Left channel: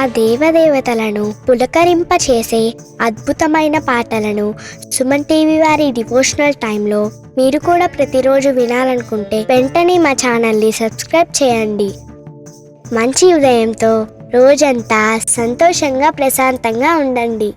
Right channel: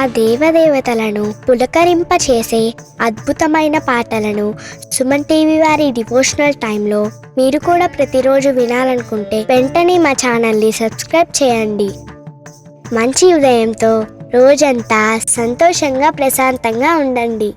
ఆ దేవదేవతలను పులకరింపచేసే అద్భుతమైన పాటలను సుమన్ టీవీ వారి డివోషనల్ టైంలో మీరు కూడా ప్రతిరోజు వినాలనుకుంటే వెంటనే మా ఛానల్ని సబ్స్క్రైబ్ చేయండి. మంచి ఉదయంతో రోజంతా సంతోషంగా ప్రశాంతంగా ఉండండి.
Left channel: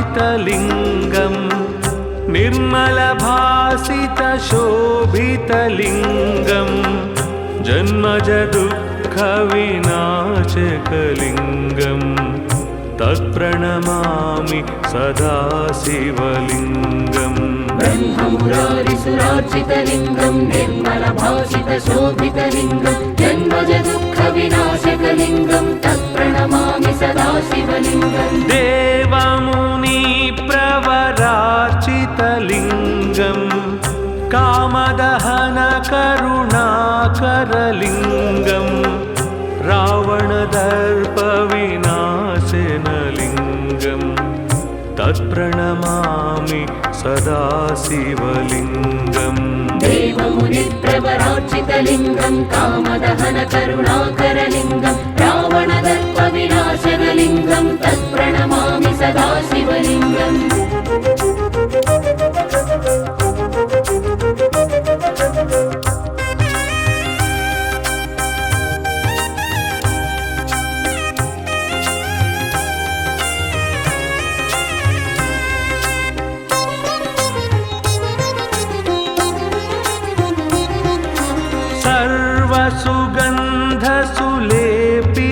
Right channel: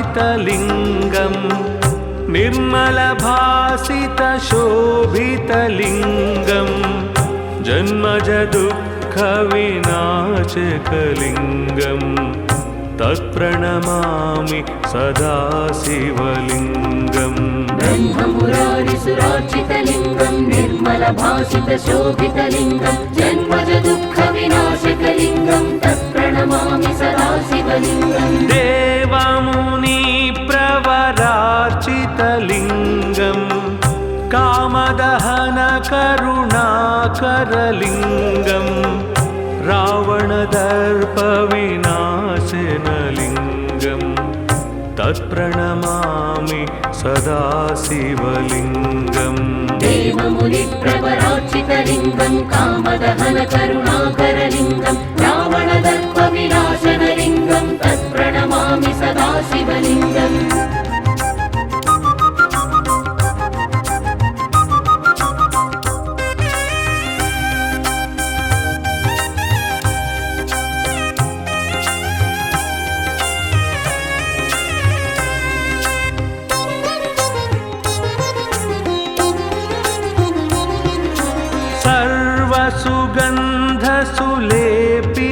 ब्रह्ममुरारिसुराचितलिङ्गं निर्मलभासितशोभितलिङ्गं जन्मजदुःखविनाशकलिङ्गं तत्प्रणमामि सदा शिवलिङ्गम्. ब्रह्ममुरारिसुराचितलिङ्गं निर्मलभासितशोभितलिङ्गं जन्मजदुःखविनाशकलिङ्गं तत्प्रणमामि सदा शिवलिङ्गम्. देवमुनिप्रवरार्चितलिङ्गं कामदहनकरुणाकरलिङ्गं रावणदर्पविनाशनलिङ्गं तत्प्रणमामि सदा शिवलिङ्गम्. देवमुनिप्रवरार्चितलिङ्गं कामदहनकरुणाकरलिङ्गं रावणदर्पविनाशनलिङ्गं तत्प्रणमामि सदा शिवलिङ्गम्.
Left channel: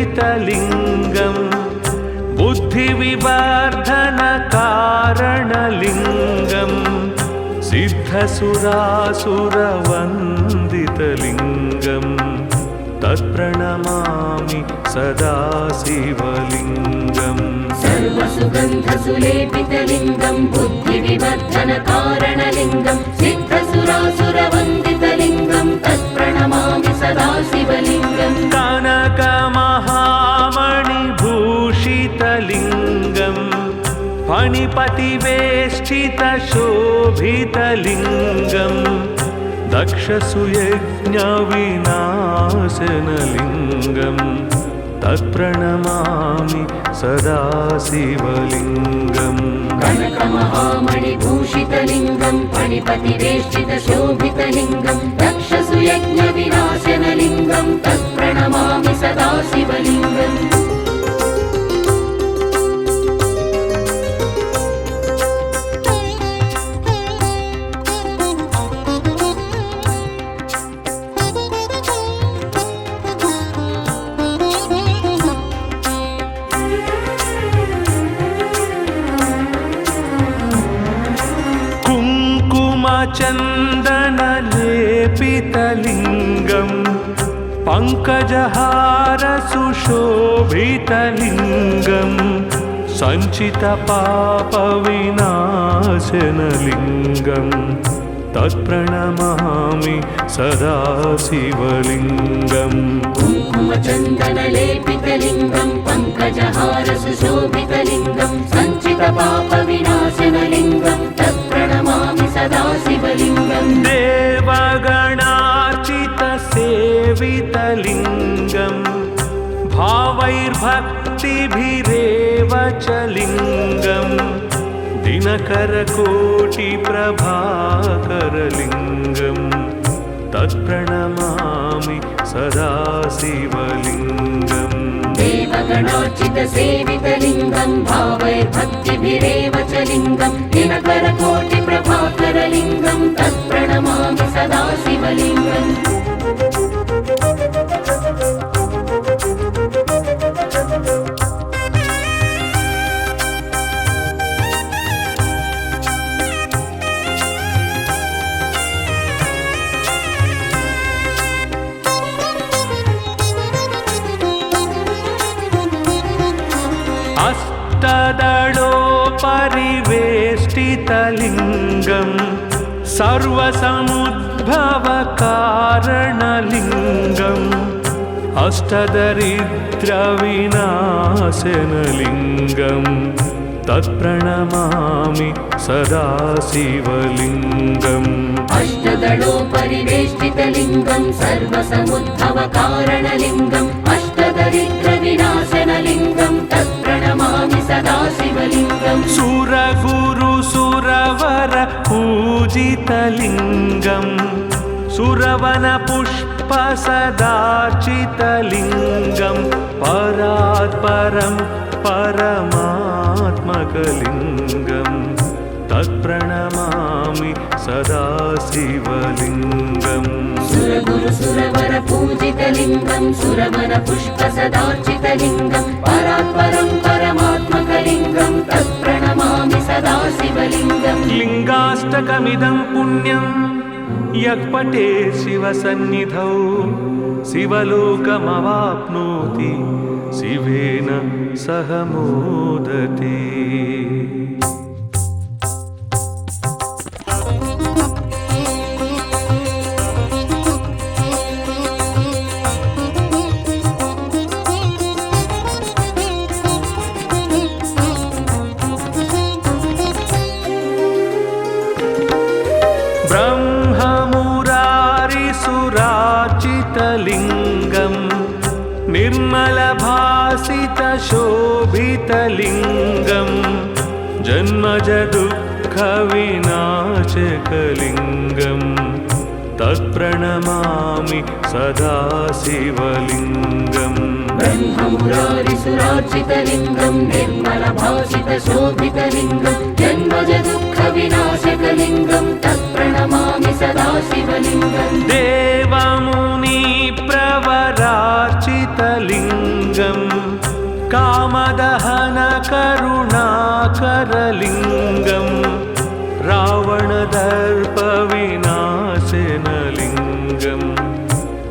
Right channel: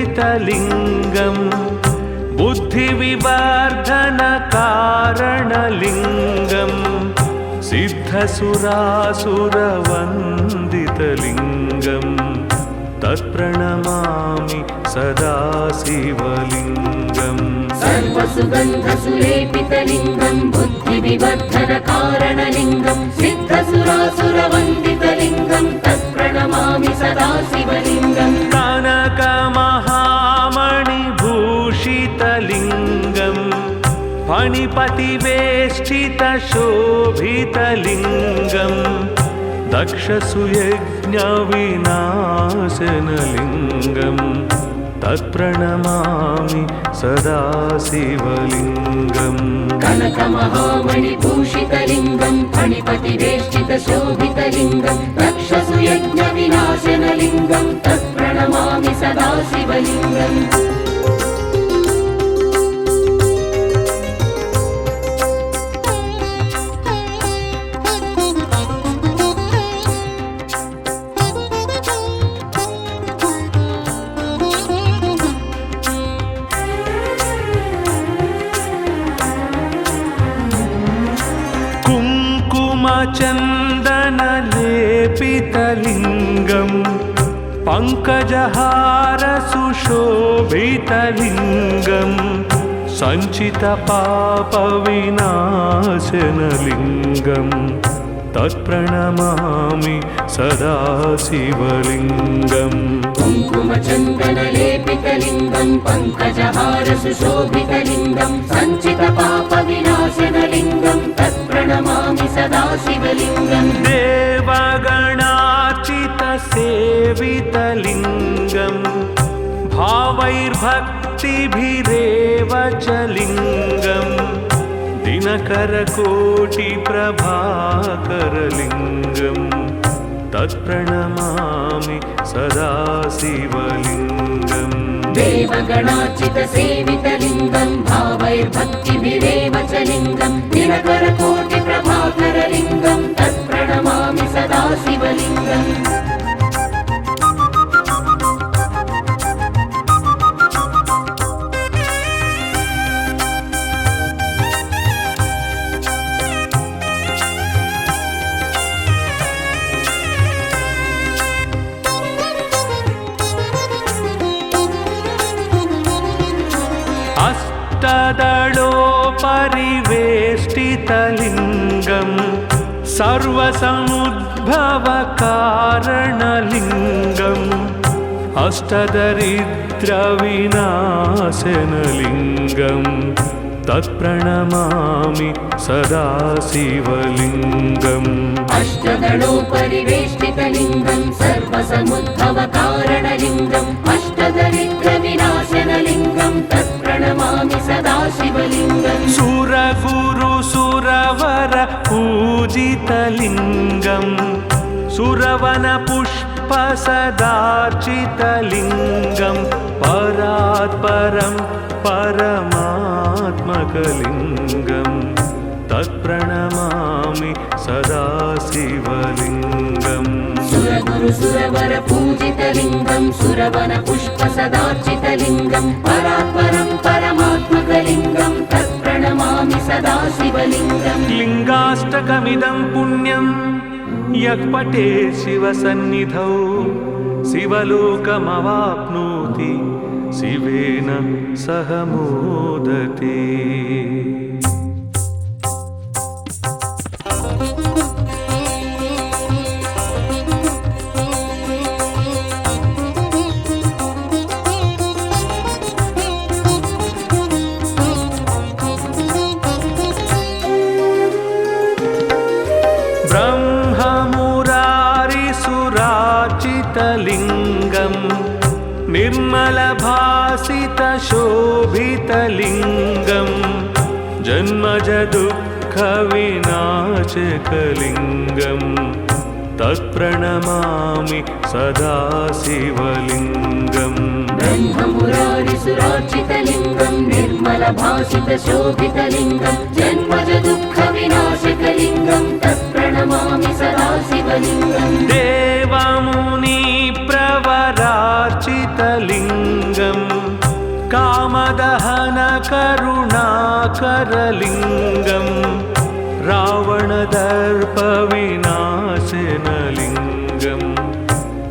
सर्वसुगन्धसुलेपितलिङ्गं बुद्धिविवर्धनकारणलिङ्गं सिद्धसुरासुरवन्दितलिङ्गं तत्प्रणमामि सदा शिवलिङ्गम्. सर्वसुगन्धसुलेपितलिङ्गं बुद्धिविवर्धनकारणलिङ्गं सिद्धसुरासुरवन्दितलिङ्गं तत्प्रणमामि सदा शिवलिङ्गम्. कनकमहामणिभूषितलिङ्गं फणिपतिवेष्टितशोभितलिङ्गं दक्षसुयज्ञविनाशनलिङ्गं तत्प्रणमामि सदा शिवलिङ्गम्. कनकमहामणिभूषितलिङ्गं फणिपतिवेष्टितशोभितलिङ्गं दक्षसुयज्ञविनाशनलिङ्गं तत्प्रणमामि सदा शिवलिङ्गम्. कुङ्कुमचन्दनलेपितलिङ्गं पङ्कजहारसुशोभितलिङ्गं सञ्चितपापविनाशनलिङ्गं तत्प्रणमामि सदा शिवलिङ्गम्. कुङ्कुमचन्दनलेपितलिङ्गं पङ्कजहारसुशोभितलिङ्गं सञ्चितपापविनाशनलिङ्गं तत्प्रणमामि सदा शिवलिङ्गम्. देवगणार्चितसेवितलिङ्गं भावैर्भक्तिभिरेव च लिङ्गं दिनकरकोटिप्रभाकरलिङ्गं तत्प्रणमामि सदा शिवलिङ्गम्. देवगणार्चितसेवितलिङ्गं भावैर्भक्तिभिरेव च लिङ्गं दिनकरकोटिप्रभाकरलिङ्गं तत्प्रणमामि सदा शिवलिङ्गम्. अष्टदलोपरिवेष्टितलिङ्गं सर्वसमुद्भवकारणलिङ्गम् अष्टदरिद्रविनाशनलिङ्गम् तत्प्रणमामि सदा शिवलिङ्गम् अष्टदलोपरिवेष्टितलिङ्गं सर्वसमुद्भवकारणलिङ्गम् अष्टदरिद्रविनाशनलिङ्गं तत्प्रणमामि सदा शिवलिङ्गम् सुरगुरुसुरवर पूजितलिङ्गम् सुरवनपुष्पसदार्चितलिङ्गं परात्परं परमात्मकलिङ्गं तत्प्रणमामि सदा शिवलिङ्गम् सुरगुरुसुरवर पूजितलिङ्गं सुरवनपुष्पसदार्चितलिङ्गं परात्परं परमात्मकलिङ्गं तत्प्रणमामि सदा शिवलिङ्गम् लिङ्गाष्टकमिदं पुण्यं यः पठेत् शिवसन्निधौ शिवलोकमवाप्नोति शिवेन सह मोदते। ब्रह्ममुरारिसुराचितलिङ्गम् निर्मलभासितशोभितलिङ्गम् जन्मजदुःखविनाशकलिङ्गम् तत्प्रणमामि सदा शिवलिङ्गम् ब्रह्ममुरारिसुरार्चितलिङ्गं निर्मलभासितशोभितलिङ्गं जन्मजदुःखविनाशकलिङ्गं तत्प्रणमामि सदा शिवलिङ्गम् देवमुनिप्रवरार्चितलिङ्गम् कामदहनकरुणाकरलिङ्गम् रावणदर्पविनाशनलिङ्गम्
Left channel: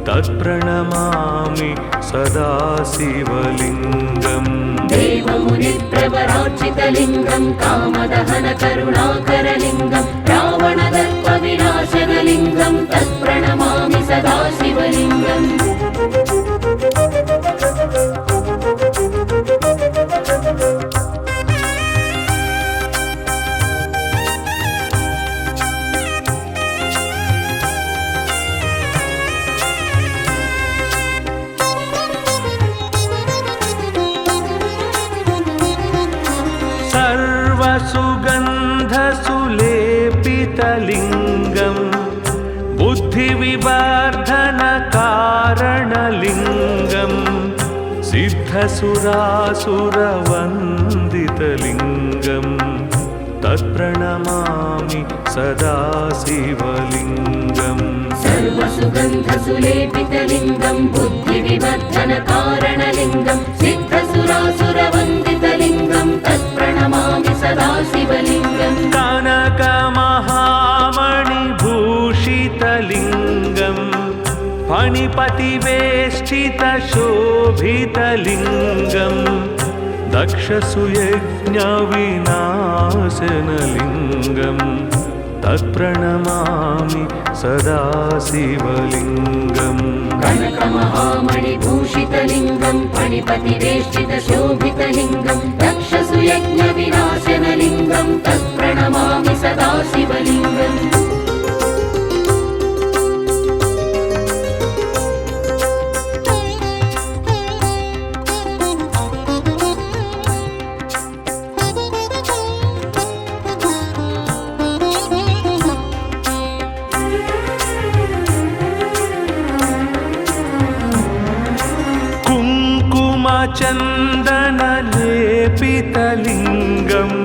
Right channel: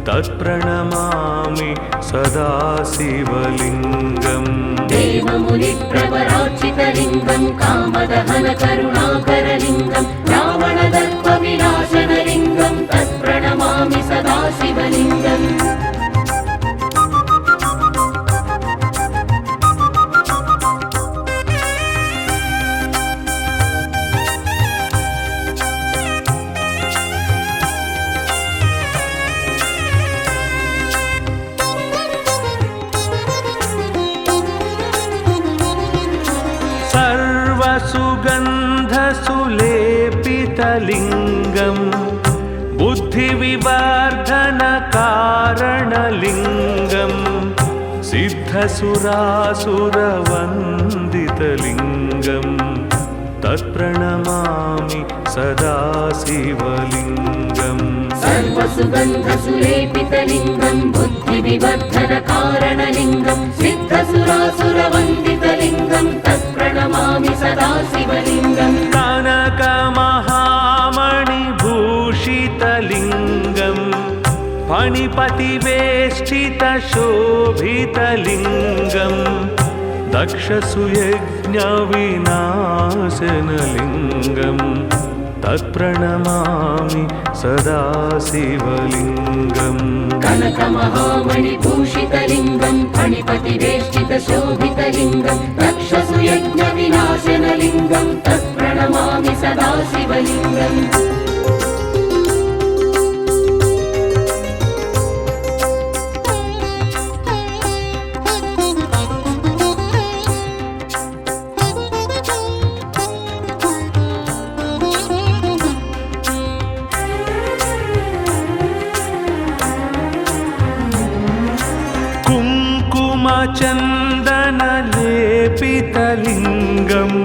तत्प्रणमामि सदा शिवलिङ्गम् देवमुनिप्रवरार्चितलिङ्गं कामदहनकरुणाकरलिङ्गं रावणदर्पविनाशनलिङ्गं तत्प्रणमामि सदा शिवलिङ्गम् सर्वसुगन्धसुलेपितलिङ्गम् बुद्धिविवर्धनकारणलिङ्गम् सिद्धसुरासुरवन्दितलिङ्गम् तत्प्रणमामि सदा शिवलिङ्गम् सर्वसुगन्धसुलेपितलिङ्गं बुद्धिविवर्धनकारणलिङ्गं सिद्धसुरासुरवन्दितलिङ्गं तत्प्रणमामि सदा शिवलिङ्गम् कनकमहामणिभूषितलिङ्गम् फणिपतिवेष्टितशोभितलिङ्गम् दक्षसुयज्ञविनाशनलिङ्गम् तत्प्रणमामि सदा शिवलिङ्गम् कनकमहामणिभूषितलिङ्गं फणिपतिवेष्टितशोभितलिङ्गं दक्षसुयज्ञविनाशनलिङ्गं तत्प्रणमामि सदा शिवलिङ्गम् कुङ्कुमचन्दनलेपितलिङ्गम्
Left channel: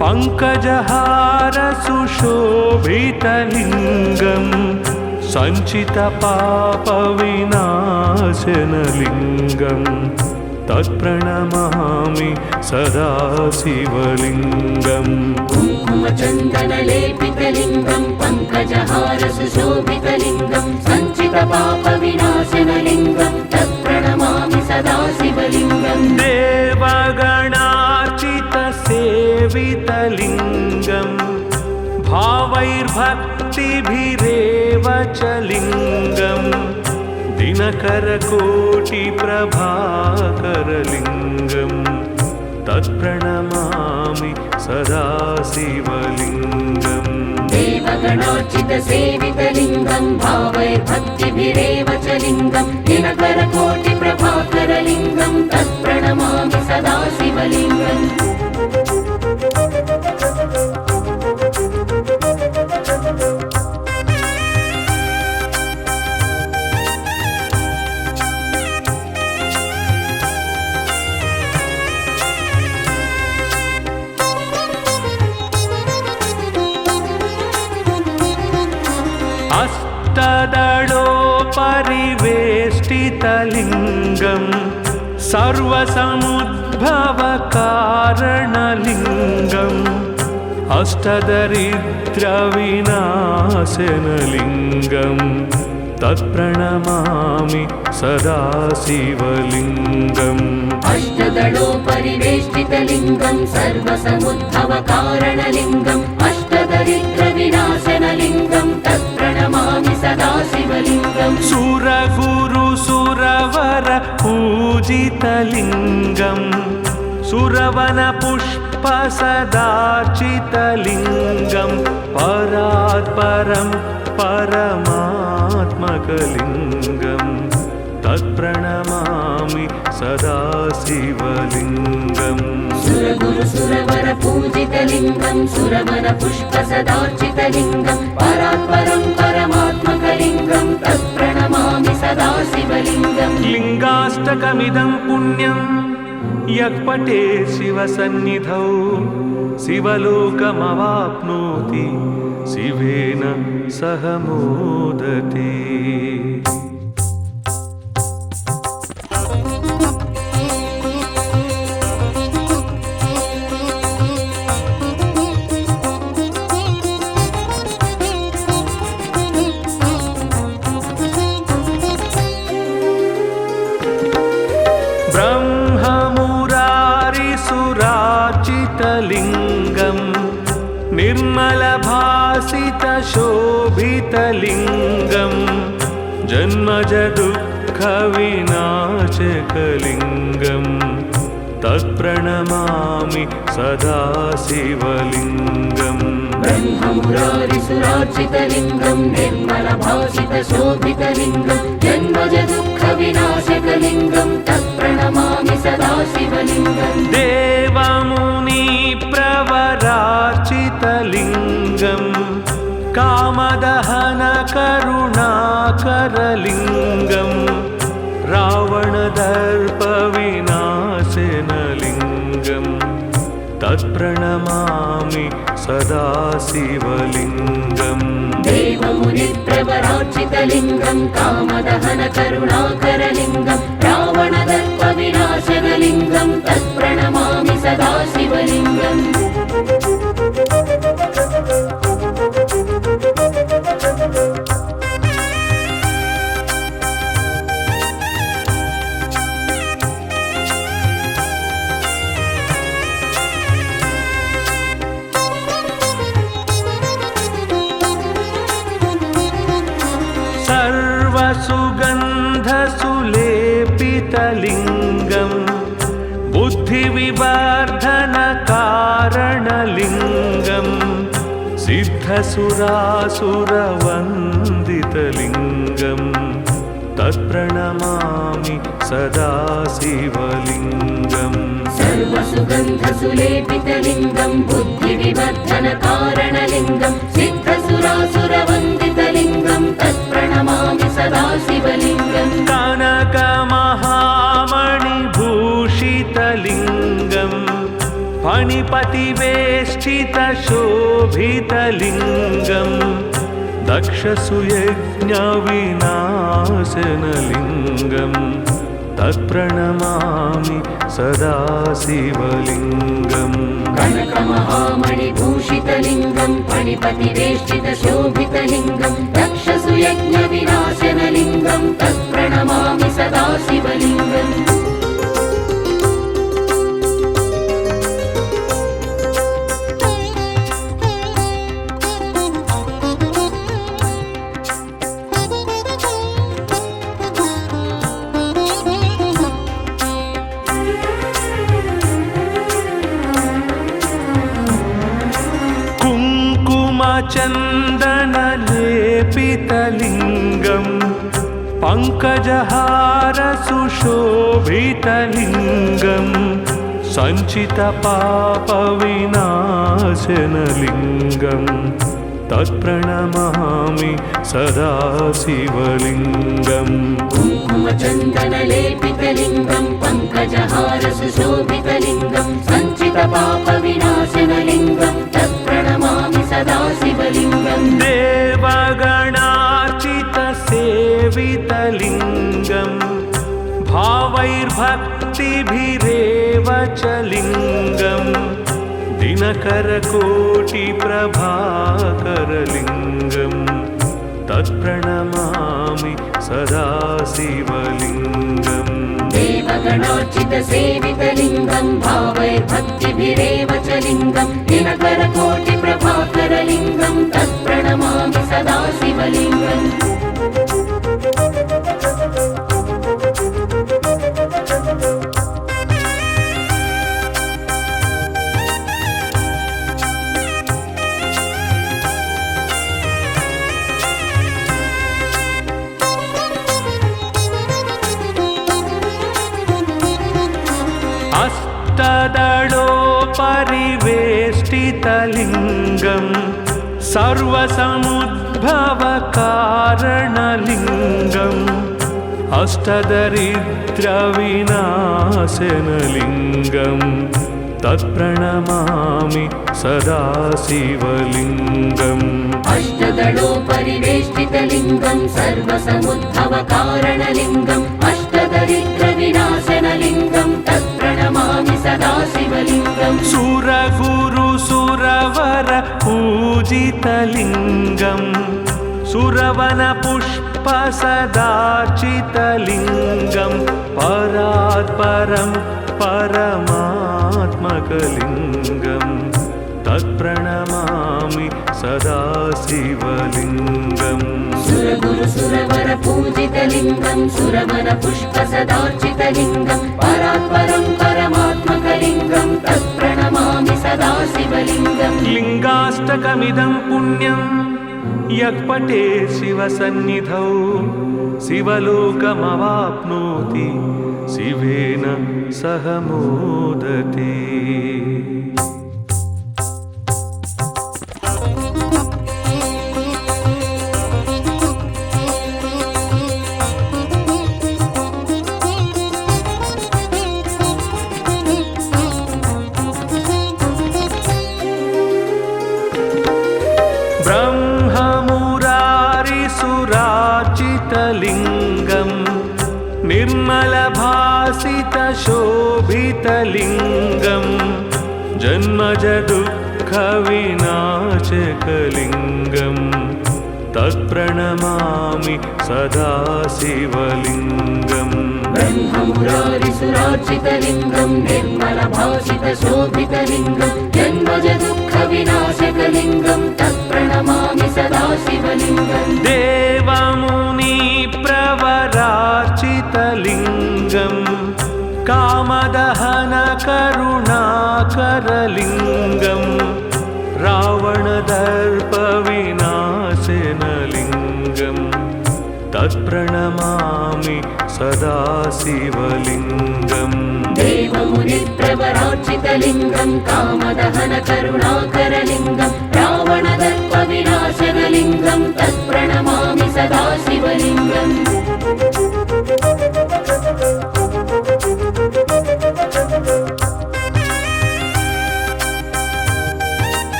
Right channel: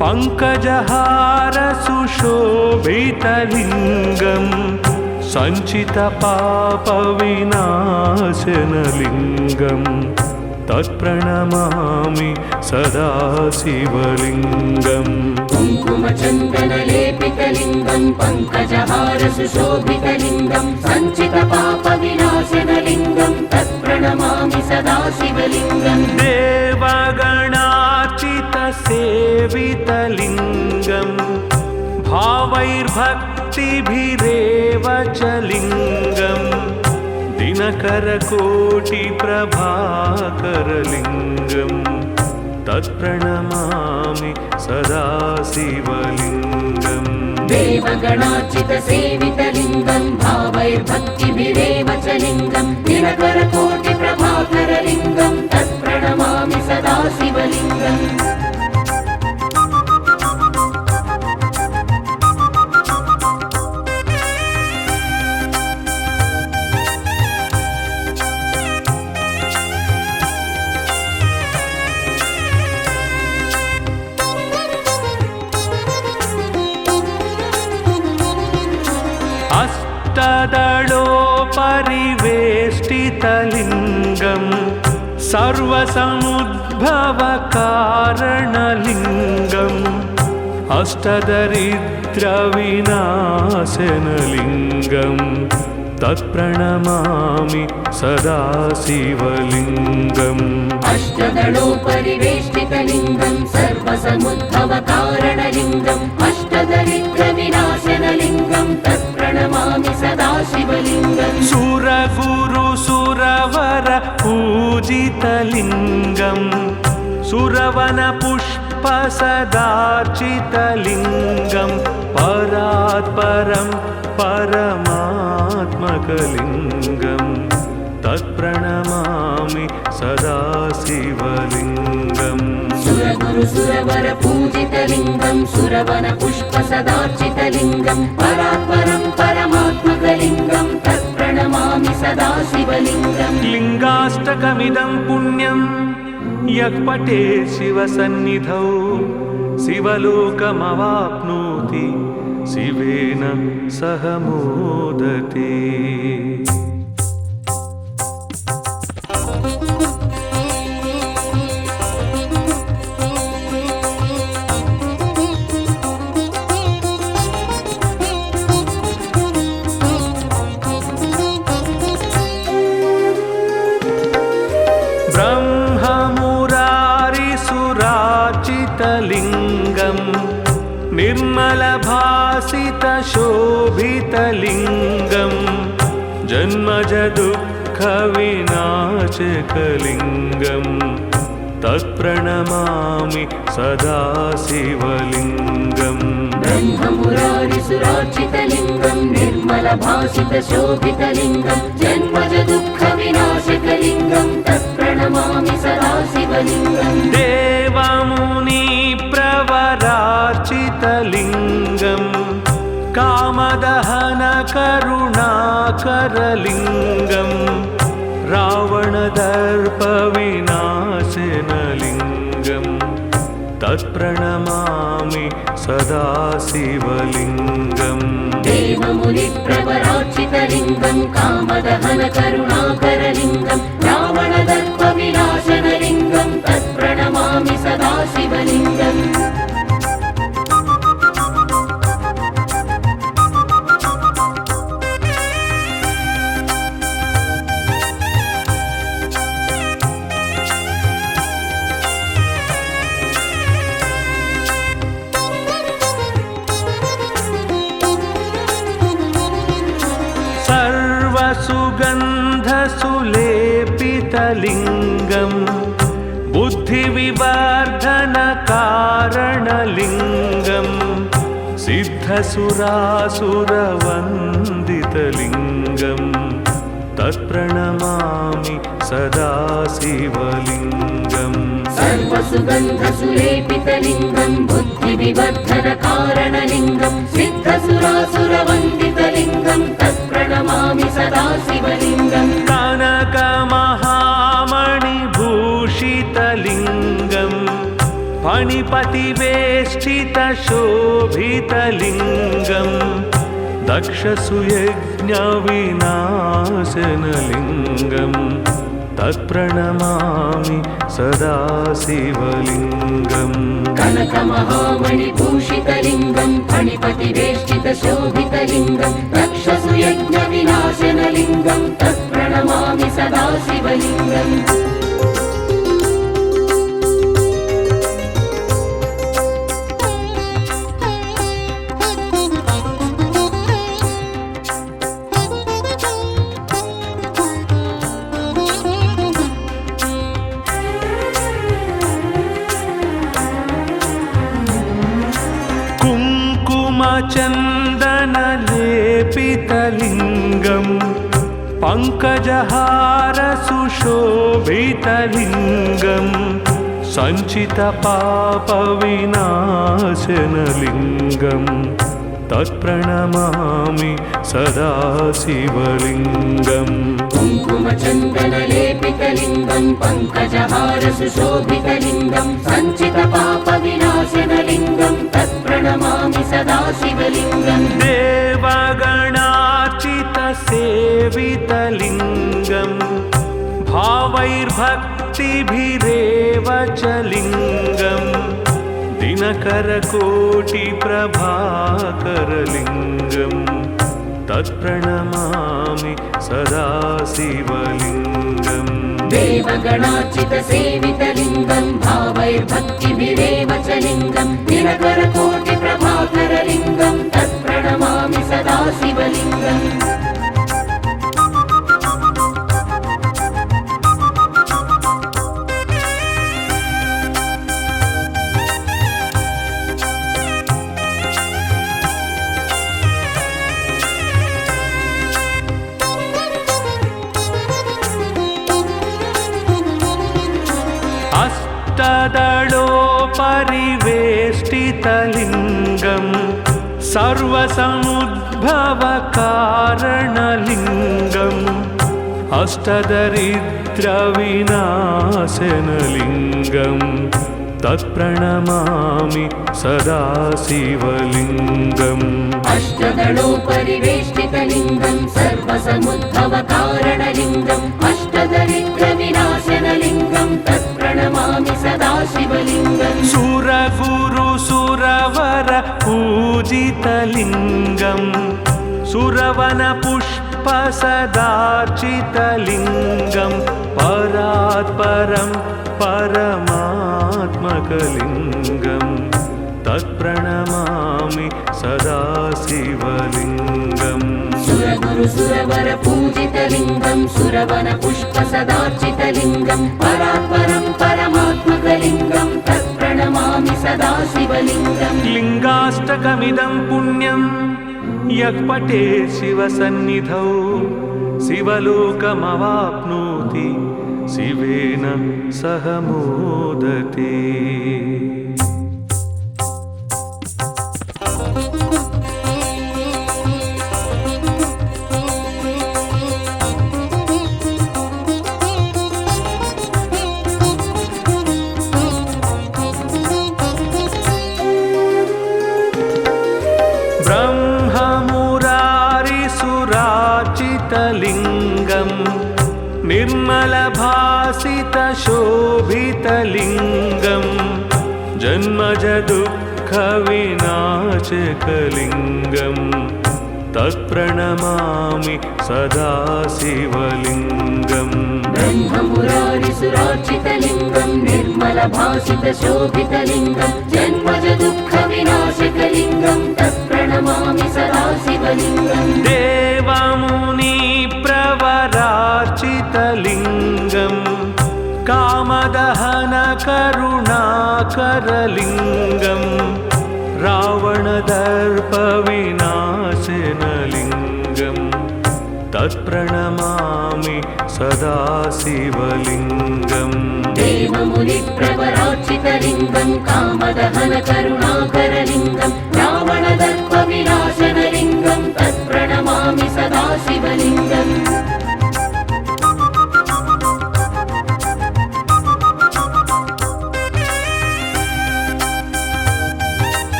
पङ्कजहारसुशोभितलिङ्गम् सञ्चितपापविनाशनलिङ्गम् तत्प्रणमामि सदा शिवलिङ्गम् कुङ्कुमचन्दनलेपितलिङ्गं पङ्कजहारसुशोभितलिङ्गं सञ्चितपापविनाशनलिङ्गं तत्प्रणमामि सदा शिवलिङ्गम् देवगणार्चितसेवितलिङ्गम् भाव भावैर्भक्तिभिरेव च लिङ्गं दिनकरकोटिप्रभाकरलिङ्गं तत्प्रणमामि सदा शिवलिङ्गम् देवगणार्चितसेवितलिङ्गं भावैर्भक्तिभिरेव च लिङ्गं दिनकरकोटिप्रभाकरलिङ्गं तत्प्रणमामि सदा शिवलिङ्गम् अष्टदलोपरिवेष्टितलिङ्गं सर्वसमुद्भवकारणलिङ्गम् अष्टदरिद्रविनाशनलिङ्गं तत्प्रणमामि सदा शिवलिङ्गम् अष्टदलोपरिवेष्टितलिङ्गं सर्वसमुद्भवकारणलिङ्गम् अष्टदरिद्रविनाशनलिङ्गं तत्प्रणमामि सदा शिवलिङ्गम् सुरगुरुसुरवर पूजितलिङ्गं सुरवनपुष्पसदार्चितलिङ्गं परात्परं परमात्मकलिङ्गं तत्प्रणमामि सदा शिवलिङ्गम् सुरगुरुसुरवर पूजितलिङ्गं सुरवनपुष्पसदार्चितलिङ्गं परात्परं परमात्मकलिङ्गं तत्प्रणमामि सदा शिवलिङ्गम् लिङ्गाष्टकमिदं पुण्यं यः पठेत् शिवसन्निधौ शिवलोकमवाप्नोति शिवेन सह मोदते। ब्रह्ममुरारिसुरार्चितलिङ्गं निर्मलभासितशोभितलिङ्गं जन्मजदुःखविनाशकलिङ्गं तत्प्रणमामि सदा शिवलिङ्गम् ब्रह्ममुरारिसुरार्चितलिङ्गं निर्मलभासितशोभितलिङ्गं जन्मजदुःखविनाशकलिङ्गं तत्प्रणमामि सदा शिवलिङ्गम् देवमुनिप्रवरार्चितलिङ्गं कामदहनकरुणाकरलिङ्गं रावणदर्पविनाशनलिङ्गं तत्प्रणमामि सदा शिवलिङ्गम् देवमुनिप्रवरार्चितलिङ्गं कामदहनकरुणाकरलिङ्गं रावणदर्पविनाशनलिङ्गं तत्प्रणमामि सदा शिवलिङ्गम् सर्वसुगन्धसुलेपितलिङ्गं बुद्धिविवर्धनकारणलिङ्गं सिद्धसुरासुरवन्दितलिङ्गं तत्प्रणमामि सदा शिवलिङ्गम् सर्वसुगन्धसुलेपितलिङ्गं बुद्धिविवर्धनकारणलिङ्गं सिद्धसुरासुरवन्दितलिङ्गं तत्प्रणमामि सदा शिवलिङ्गम् कनकमहामणिभूषितलिङ्गं फणिपतिवेष्टितशोभितलिङ्गं दक्षसुयज्ञविनाशनलिङ्गं तत्प्रणमामि सदा शिवलिङ्गम् कनकमहामणिभूषितलिङ्गं फणिपतिवेष्टितशोभितलिङ्गं दक्षसुयज्ञविनाशनलिङ्गं तत्प्रणमामि सदा शिवलिङ्गम् कुङ्कुमचन्दनलेपितलिङ्गं पङ्कजहारसुशोभितलिङ्गं सञ्चितपापविनाशनलिङ्गं तत्प्रणमामि सदा शिवलिङ्गम् कुङ्कुमचन्दनलेपितलिङ्गं पङ्कजहारसुशोभितलिङ्गं सञ्चितपापविनाशनलिङ्गं तत्प्रणमामि सदा शिवलिङ्गम् देवगणार्चितसेवितलिङ्गं भावैर्भक्तिभिरेव च लिङ्गं दिनकरकोटिप्रभाकरलिङ्गं तत्प्रणमामि सदा शिवलिङ्गम् देवगणार्चितसेवितलिङ्गं भावैर्भक्तिभिरेव च लिङ्गं दिनकरकोटिप्रभाकरलिङ्गं तत्प्रणमामि सदा शिवलिङ्गम् अष्टदलोपरिवेष्टितलिङ्गं सर्वसमुद्भवकारणलिङ्गम् अष्टदरिद्रविनाशनलिङ्गं तत्प्रणमामि सदा शिवलिङ्गम् अष्टदलोपरिवेष्टितलिङ्गं सर्वसमुद्भवकारणलिङ्गम् अष्टदरिद्रविनाशनलिङ्गं तत्प्रणमामि सदा शिवलिङ्गम् सुरगुरुसुरवर पूजितलिङ्गं सुरवनपुष्पसदार्चितलिङ्गं परात्परं परमात्मकलिङ्गं तत्प्रणमामि सदा शिवलिङ्गम् सुरगुरुसुरवर पूजितलिङ्गं सुरवनपुष्पसदार्चितलिङ्गं परात्परं परमात्मकलिङ्गं तत्प्रणमामि सदा शिवलिङ्गम् लिङ्गाष्टकमिदं पुण्यं यः पठेत् शिवसन्निधौ शिवलोकमवाप्नोति शिवेन सह मोदते। ब्रह्ममुरारिसुरार्चितलिङ्गं निर्मलभासितशोभितलिङ्गं जन्मजदुःखविनाशकलिङ्गं तत्प्रणमामि सदा शिवलिङ्गम् ब्रह्ममुरारिसुरार्चितलिङ्गं निर्मलभासितशोभितलिङ्गं जन्मजदुःखविनाशकलिङ्गं तत्प्रणमामि सदा शिवलिङ्गम् देवमुनिप्रवरार्चितलिङ्गं कामदहनकरुणाकरलिङ्गं रावणदर्पविनाशनलिङ्गं तत्प्रणमामि सदा शिवलिङ्गम् देवमुनिप्रवरार्चितलिङ्गं कामदहनकरुणाकरलिङ्गं रावणदर्पविनाशनलिङ्गं तत्प्रणमामि सदा शिवलिङ्गम्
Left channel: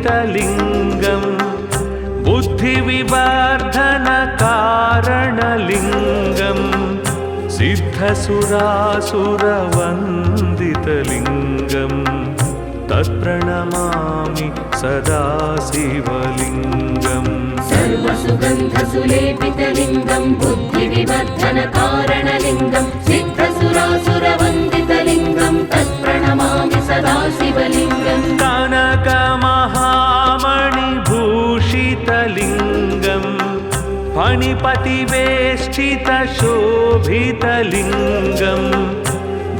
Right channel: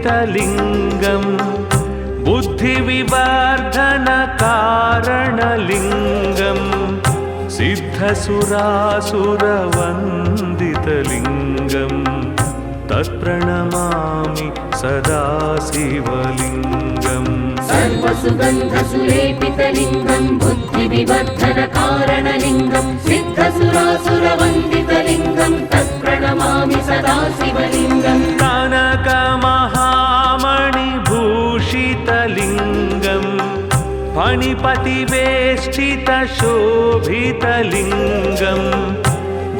सर्वसुगन्धसुलेपितलिङ्गं बुद्धिविवर्धनकारणलिङ्गं सिद्धसुरासुरवन्दितलिङ्गं तत्प्रणमामि सदा शिवलिङ्गम् सर्वसुगन्धसुलेपितलिङ्गं बुद्धिविवर्धनकारणलिङ्गं सिद्धसुरासुरवन्दितलिङ्गं तत्प्रणमामि सदा शिवलिङ्गम् कनकमहामणि भूषितलिङ्गं फणिपतिवेष्टितशोभितलिङ्गं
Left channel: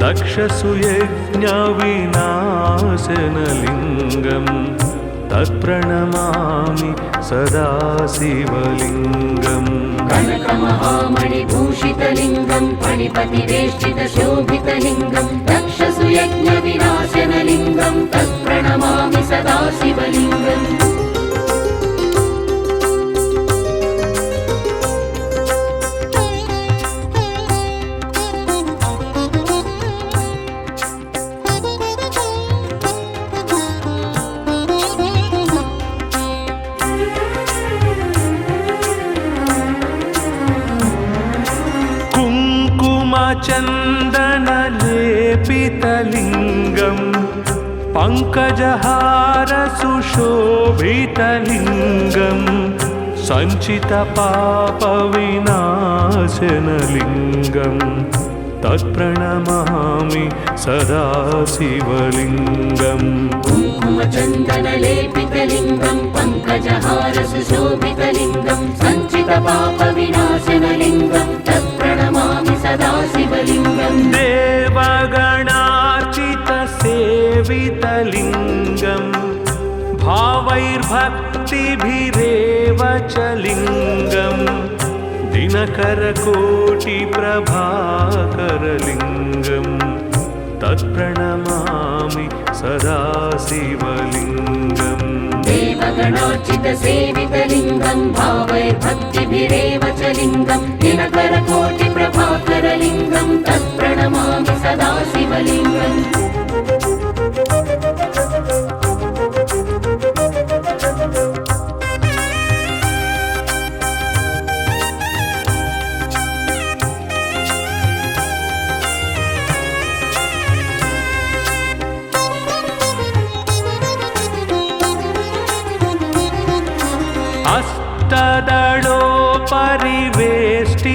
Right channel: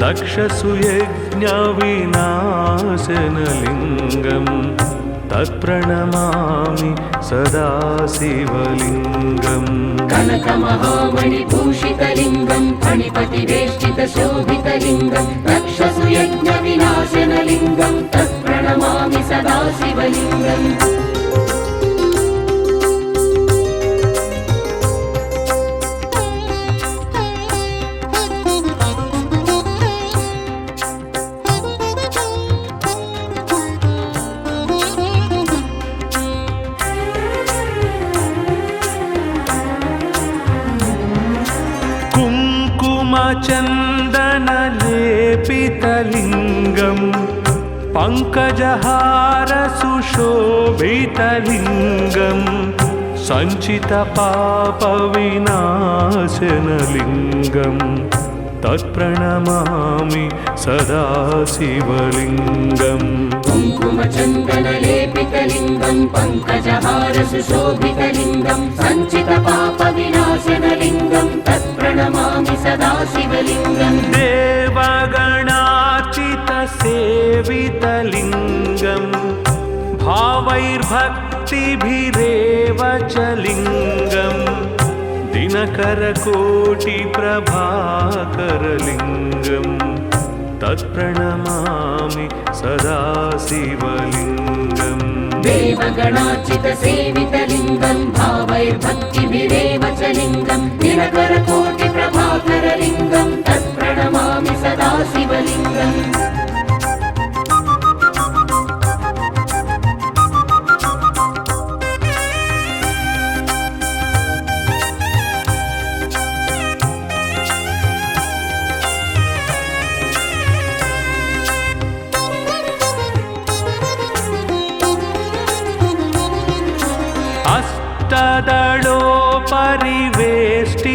दक्षसुयज्ञविनाशनलिङ्गं तत्प्रणमामि सदा शिवलिङ्गम् कनकमहामणिभूषितलिङ्गं फणिपतिवेष्टितशोभितलिङ्गं दक्षसुयज्ञविनाशनलिङ्गं तत्प्रणमामि सदा शिवलिङ्गम् कुङ्कुमचन्दनलेपितलिङ्गं पङ्कजहारसुशोभितलिङ्गं सञ्चितपापविनाशनलिङ्गं तत्प्रणमामि सदा शिवलिङ्गम् कुङ्कुमचन्दनलेपितलिङ्गं पङ्कजहारसुशोभितलिङ्गं सञ्चितपापविनाशनलिङ्गं तत्प्रणमामि सदा शिवलिङ्गम् देवगणार्चितसेवितलिङ्गं भावैर्भक्तिभिरेव च लिङ्गं दिनकरकोटिप्रभाकरलिङ्गं तत्प्रणमामि सदा शिवलिङ्गम् देवगणार्चितसेवितलिङ्गं भावैर्भक्तिभिरेव च लिङ्गं दिनकरकोटिप्रभाकरलिङ्गं तत्प्रणमामि सदा शिवलिङ्गम्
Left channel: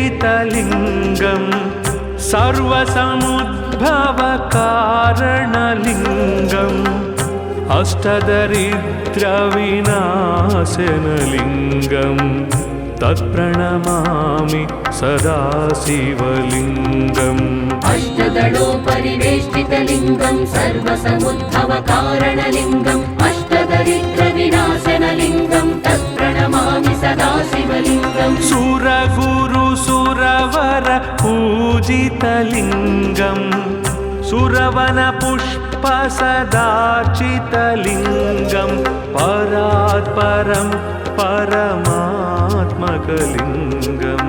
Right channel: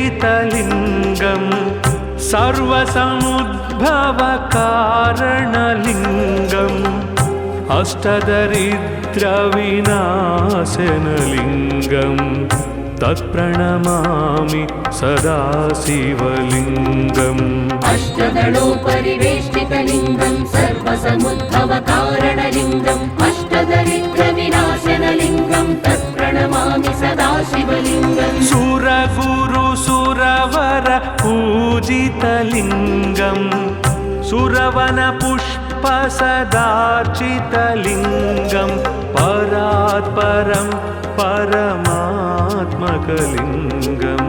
अष्टदलोपरिवेष्टितलिङ्गं सर्वसमुद्भवकारणलिङ्गम् अष्टदरिद्रविनाशनलिङ्गं तत्प्रणमामि सदा शिवलिङ्गम् अष्टदलोपरिवेष्टितलिङ्गं सर्वसमुद्भवकारणलिङ्गम् अष्टदरिद्रविनाशनलिङ्गं तत्प्रणमामि सदा शिवलिङ्गम् सुरगुरुसुरवर पूजितलिङ्गं सुरवनपुष्पसदार्चितलिङ्गं परात्परं परमात्मकलिङ्गं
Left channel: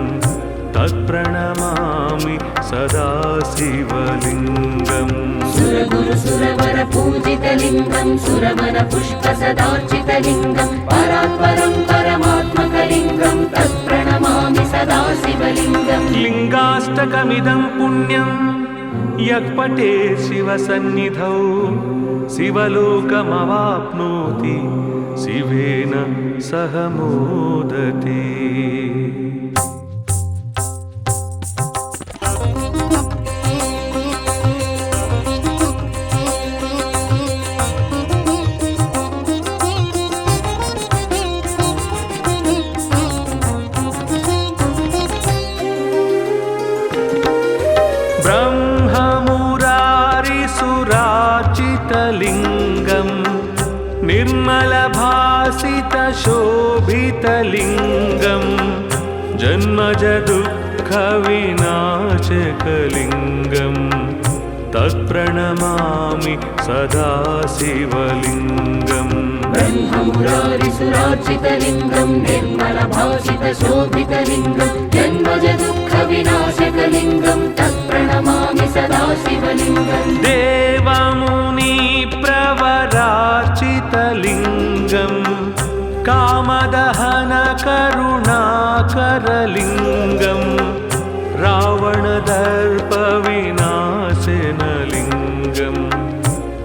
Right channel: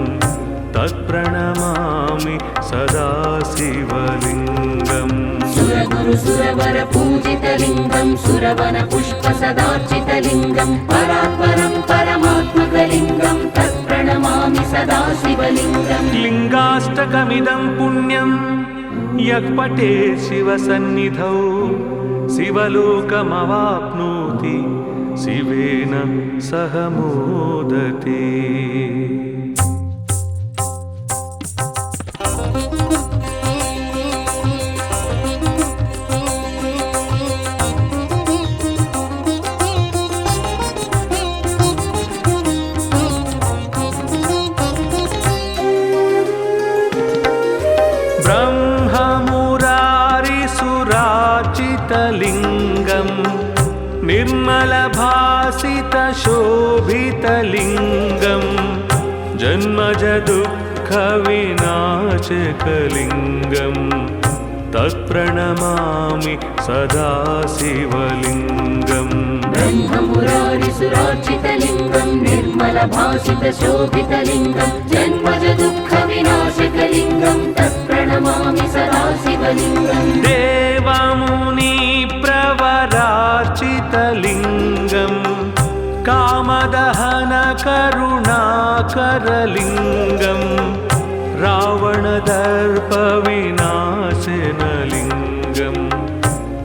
तत्प्रणमामि सदा शिवलिङ्गम् सुरगुरुसुरवर पूजितलिङ्गं सुरवनपुष्पसदार्चितलिङ्गं परात्परं परमात्मकलिङ्गं तत्प्रणमामि सदा शिवलिङ्गम् लिङ्गाष्टकमिदं पुण्यं यः पठेत् शिवसन्निधौ शिवलोकमवाप्नोति शिवेन सह मोदते। ब्रह्ममुरारिसुरार्चितलिङ्गं निर्मलभासितशोभितलिङ्गं जन्मजदुःखविनाशकलिङ्गं तत्प्रणमामि सदा शिवलिङ्गम् ब्रह्ममुरारिसुरार्चितलिङ्गं निर्मलभासितशोभितलिङ्गं जन्मजदुःखविनाशकलिङ्गं तत्प्रणमामि सदा शिवलिङ्गम् देवमुनिप्रवरार्चितलिङ्गं कामदहनकरुणाकरलिङ्गं रावणदर्पविनाशनलिङ्गं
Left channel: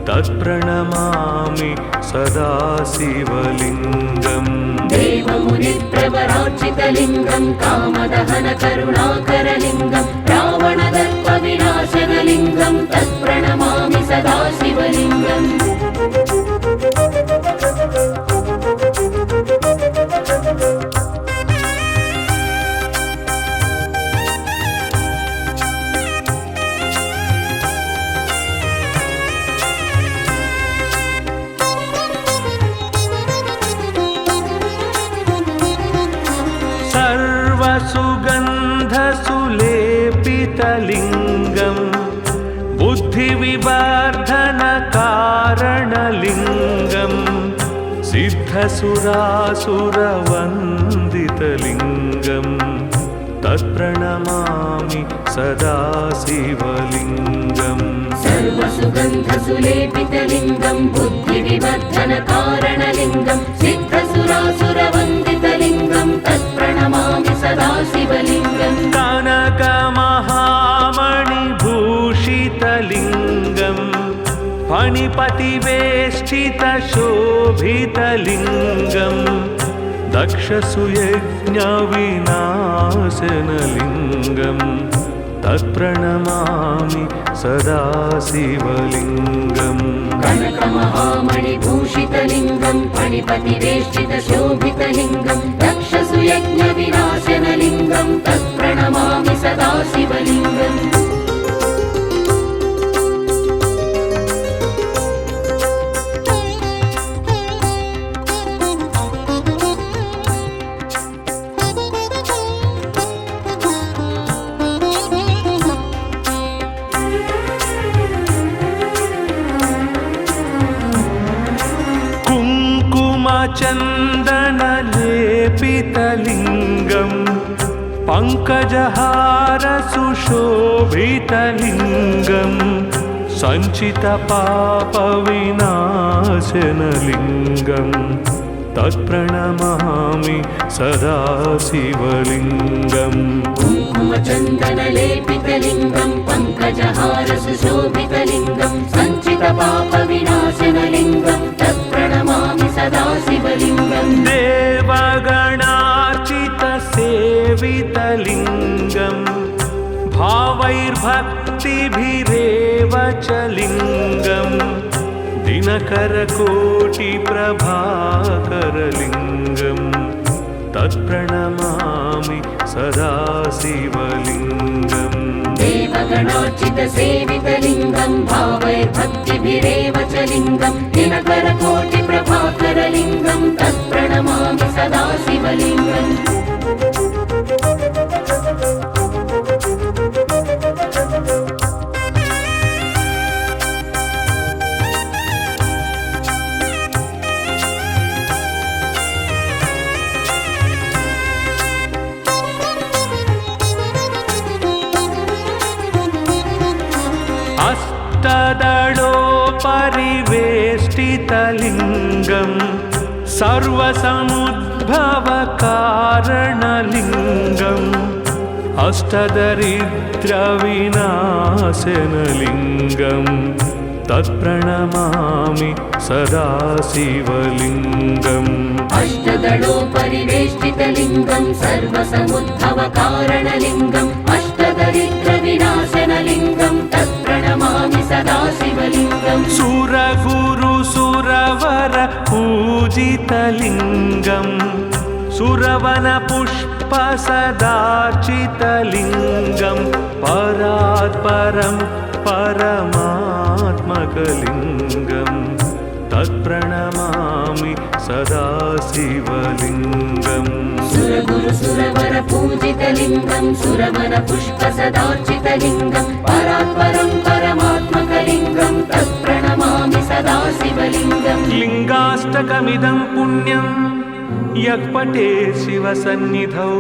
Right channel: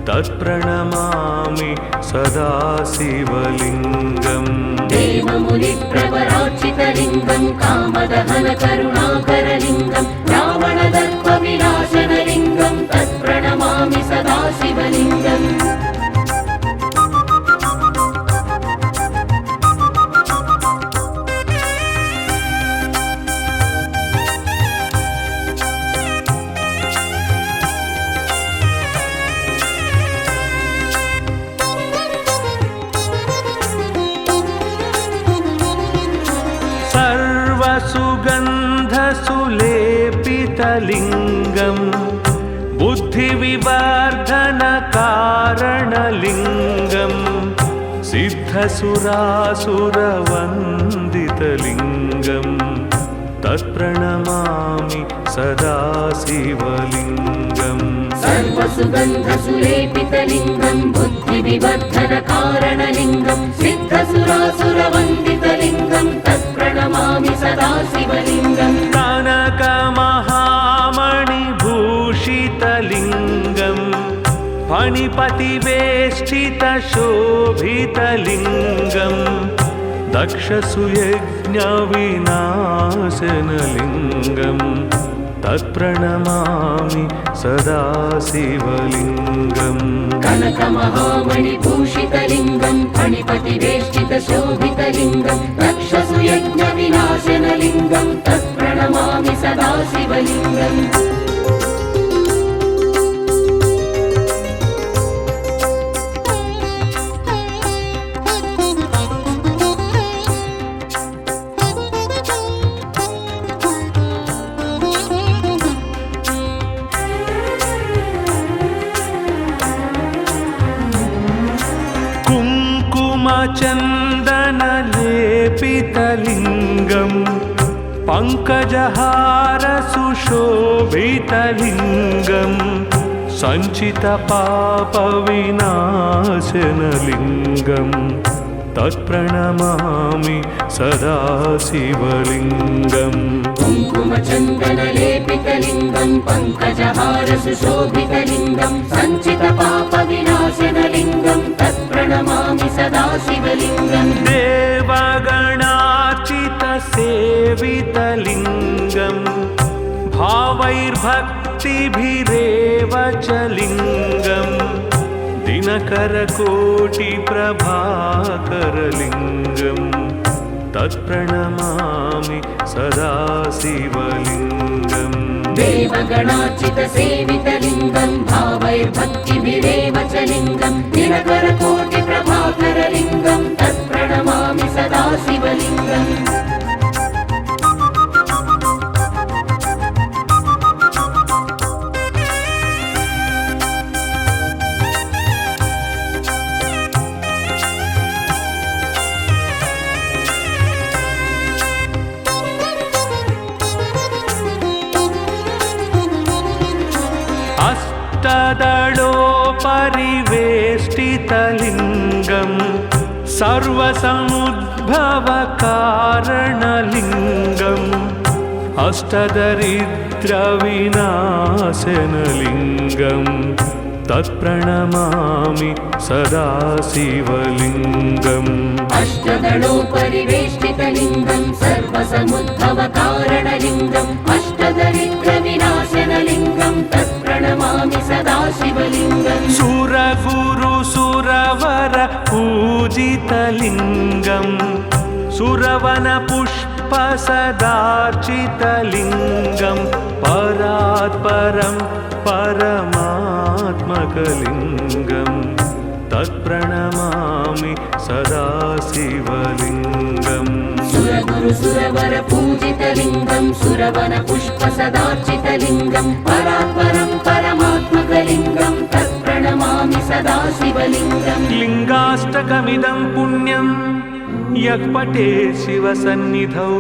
तत्प्रणमामि सदा शिवलिङ्गम् देवमुनिप्रवरार्चितलिङ्गं कामदहनकरुणाकरलिङ्गं रावणदर्पविनाशनलिङ्गं तत्प्रणमामि सदा शिवलिङ्गम् सर्वसुगन्धसुलेपितलिङ्गं बुद्धिविवर्धनकारणलिङ्गं सिद्धसुरासुरवन्दितलिङ्गं तत्प्रणमामि सदा शिवलिङ्गम् सर्वसुगन्धसुलेपितलिङ्गं बुद्धिविवर्धनकारणलिङ्गं सिद्धसुरासुरवन्दितलिङ्गं तत्प्रणमामि सदा शिवलिङ्गम् कनकमहामणिभूषितलिङ्गं फणिपतिवेष्टितशोभितलिङ्गं दक्षसुयज्ञविनाशनलिङ्गं तत्प्रणमामि सदा शिवलिङ्गम् कनकमहामणिभूषितलिङ्गं फणिपतिवेष्टितशोभितलिङ्गं दक्षसुयज्ञविनाशनलिङ्गं तत्प्रणमामि सदा शिवलिङ्गम् कुङ्कुमचन्दनलेपितलिङ्गं पङ्कजहारसुशोभितलिङ्गं सञ्चितपापविनाशनलिङ्गं तत्प्रणमामि सदा शिवलिङ्गम् कुङ्कुमचन्दनलेपितलिङ्गं पङ्कजहारसुशोभितलिङ्गं सञ्चितपापविनाशनलिङ्गं तत्प्रणमामि सदा शिवलिङ्गम् देवगणार्चितसेवितलिङ्गं भावैर्भक्तिभिरेव च लिङ्गं दिनकरकोटिप्रभाकरलिङ्गं तत्प्रणमामि सदा शिवलिङ्गम् देवगणार्चितसेवितलिङ्गं भावैर्भक्तिभिरेव च लिङ्गं दिनकरकोटिप्रभाकरलिङ्गं तत्प्रणमामि सदा शिवलिङ्गम् अष्टदलोपरिवेष्टितलिङ्गं सर्वसमुद्भवकारणलिङ्गम् अष्टदरिद्रविनाशनलिङ्गं तत्प्रणमामि सदा शिवलिङ्गम् अष्टदलोपरिवेष्टितलिङ्गं सर्वसमुद्भवकारणलिङ्गम् अष्टदरिद्रविनाशनलिङ्गं तत्प्रणमामि सदा शिवलिङ्गम् सुरगुरुसुरवर पूजितलिङ्गं सुरवनपुष्पसदार्चितलिङ्गं परात्परं परमात्मकलिङ्गं तत्प्रणमामि सदा शिवलिङ्गम् सुरगुरुसुरवर पूजितलिङ्गं सुरवनपुष्पसदार्चितलिङ्गं परात्परं परमात्मकलिङ्गं तत्प्रणमामि सदा शिवलिङ्गम् लिङ्गाष्टकमिदं पुण्यं यः पठेत् शिवसन्निधौ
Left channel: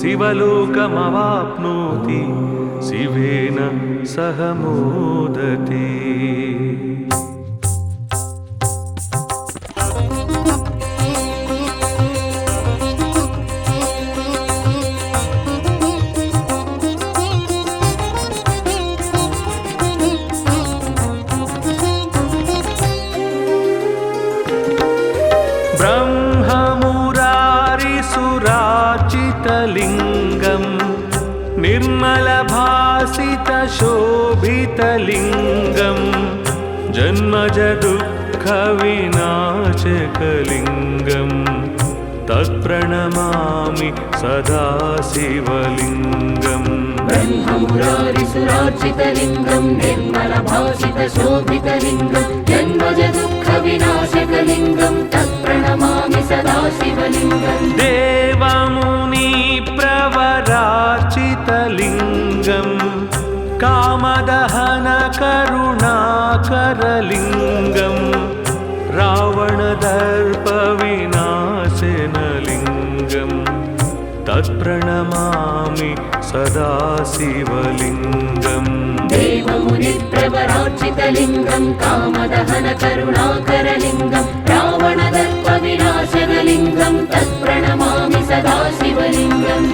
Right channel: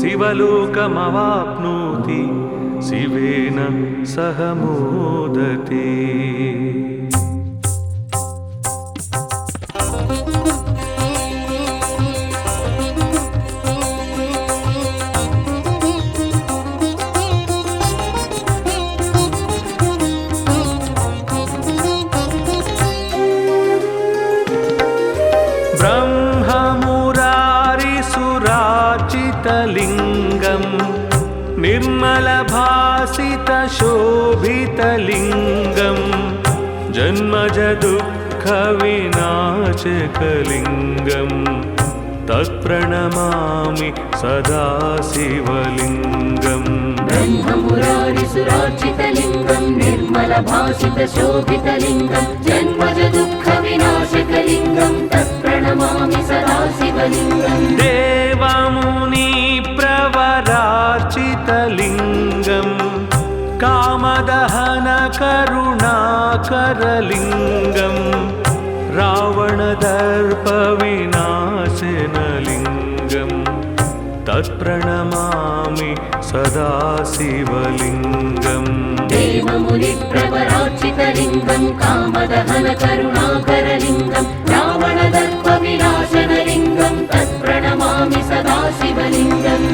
शिवलोकमवाप्नोति शिवेन सह मोदते। ब्रह्ममुरारिसुरार्चितलिङ्गं निर्मलभासितशोभितलिङ्गं जन्मजदुःखविनाशकलिङ्गं तत्प्रणमामि सदा शिवलिङ्गम् ब्रह्ममुरारिसुरार्चितलिङ्गं निर्मलभासितशोभितलिङ्गं जन्मजदुःखविनाशकलिङ्गं तत्प्रणमामि सदा शिवलिङ्गम् देवमुनिप्र सर्वैर्भक्तिभिरेवचलिङ्गं कामदहनकरुणाकरलिङ्गं रावणदर्पविनाशनलिङ्गं तत्प्रणमामि सदा शिवलिङ्गम् देवमुनिप्रवरार्चितलिङ्गं कामदहनकरुणाकरलिङ्गं रावणदर्पविनाशनलिङ्गं तत्प्रणमामि सदा शिवलिङ्गम्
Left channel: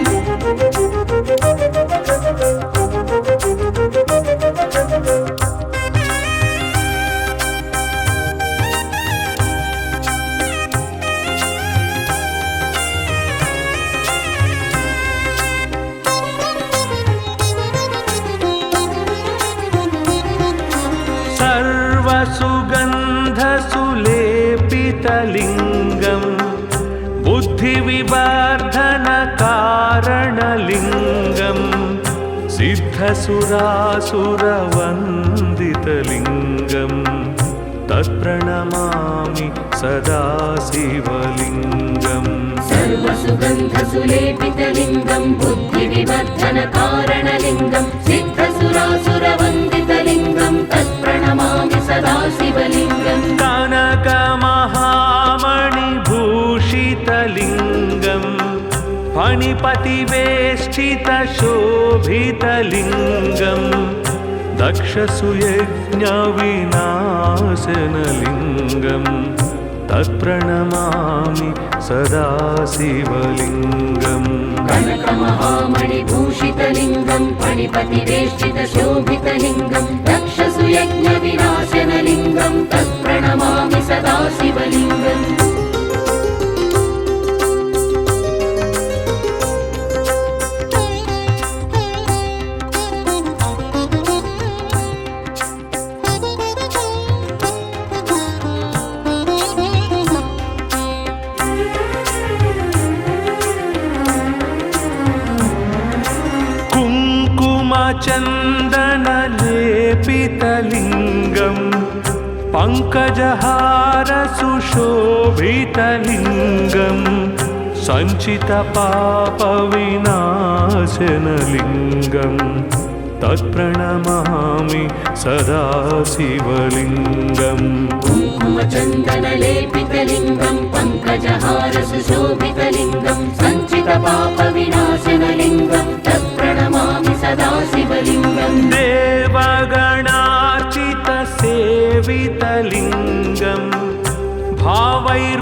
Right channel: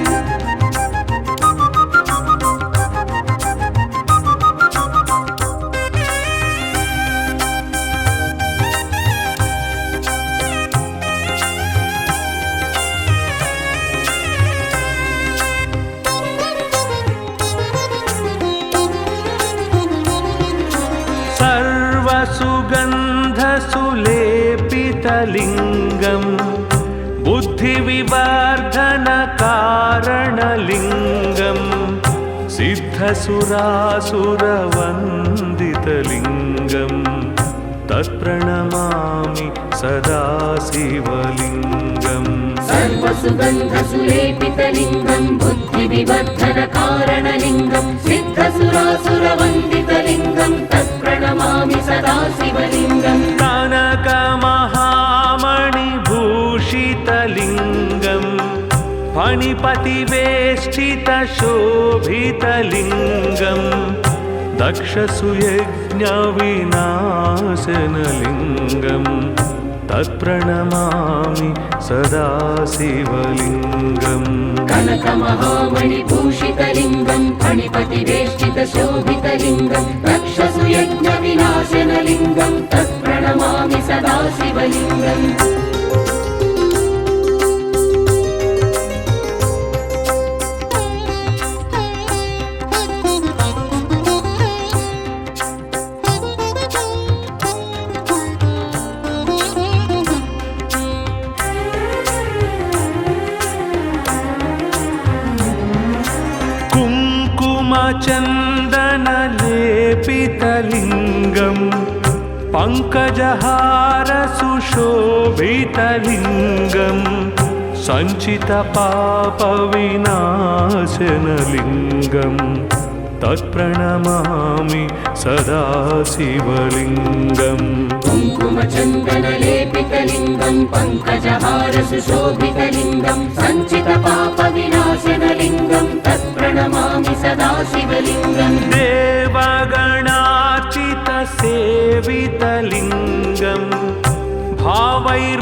सर्वसुगन्धसुलेपितलिङ्गं बुद्धिविवर्धनकारणलिङ्गं सिद्धसुरासुरवन्दितलिङ्गं तत्प्रणमामि सदा शिवलिङ्गम् सर्वसुगन्धसुलेपितलिङ्गं बुद्धिविवर्धनकारणलिङ्गं सिद्धसुरासुरवन्दितलिङ्गं तत्प्रणमामि सदा शिवलिङ्गम् कनकमहामणिभूषितलिङ्गं फणिपतिवेष्टितशोभितलिङ्गं दक्षसुयज्ञविनाशनलिङ्गं तत्प्रणमामि सदा शिवलिङ्गम् कनकमहामणिभूषितलिङ्गं फणिपतिवेष्टितशोभितलिङ्गं दक्षसुयज्ञविनाशनलिङ्गं तत्प्रणमामि सदा शिवलिङ्गम् कुङ्कुमचन्दनलेपितलिङ्गं पङ्कजहारसुशोभितलिङ्गं सञ्चितपापविनाशनलिङ्गं तत्प्रणमामि सदा शिवलिङ्गम् कुङ्कुमचन्दनलेपितलिङ्गं पङ्कजहारसुशोभितलिङ्गं सञ्चितपापविनाशनलिङ्गं तत्प्रणमामि सदा शिवलिङ्गम् देवगणार्चितसेवितलिङ्गं भावैर्भक्तिभिरेव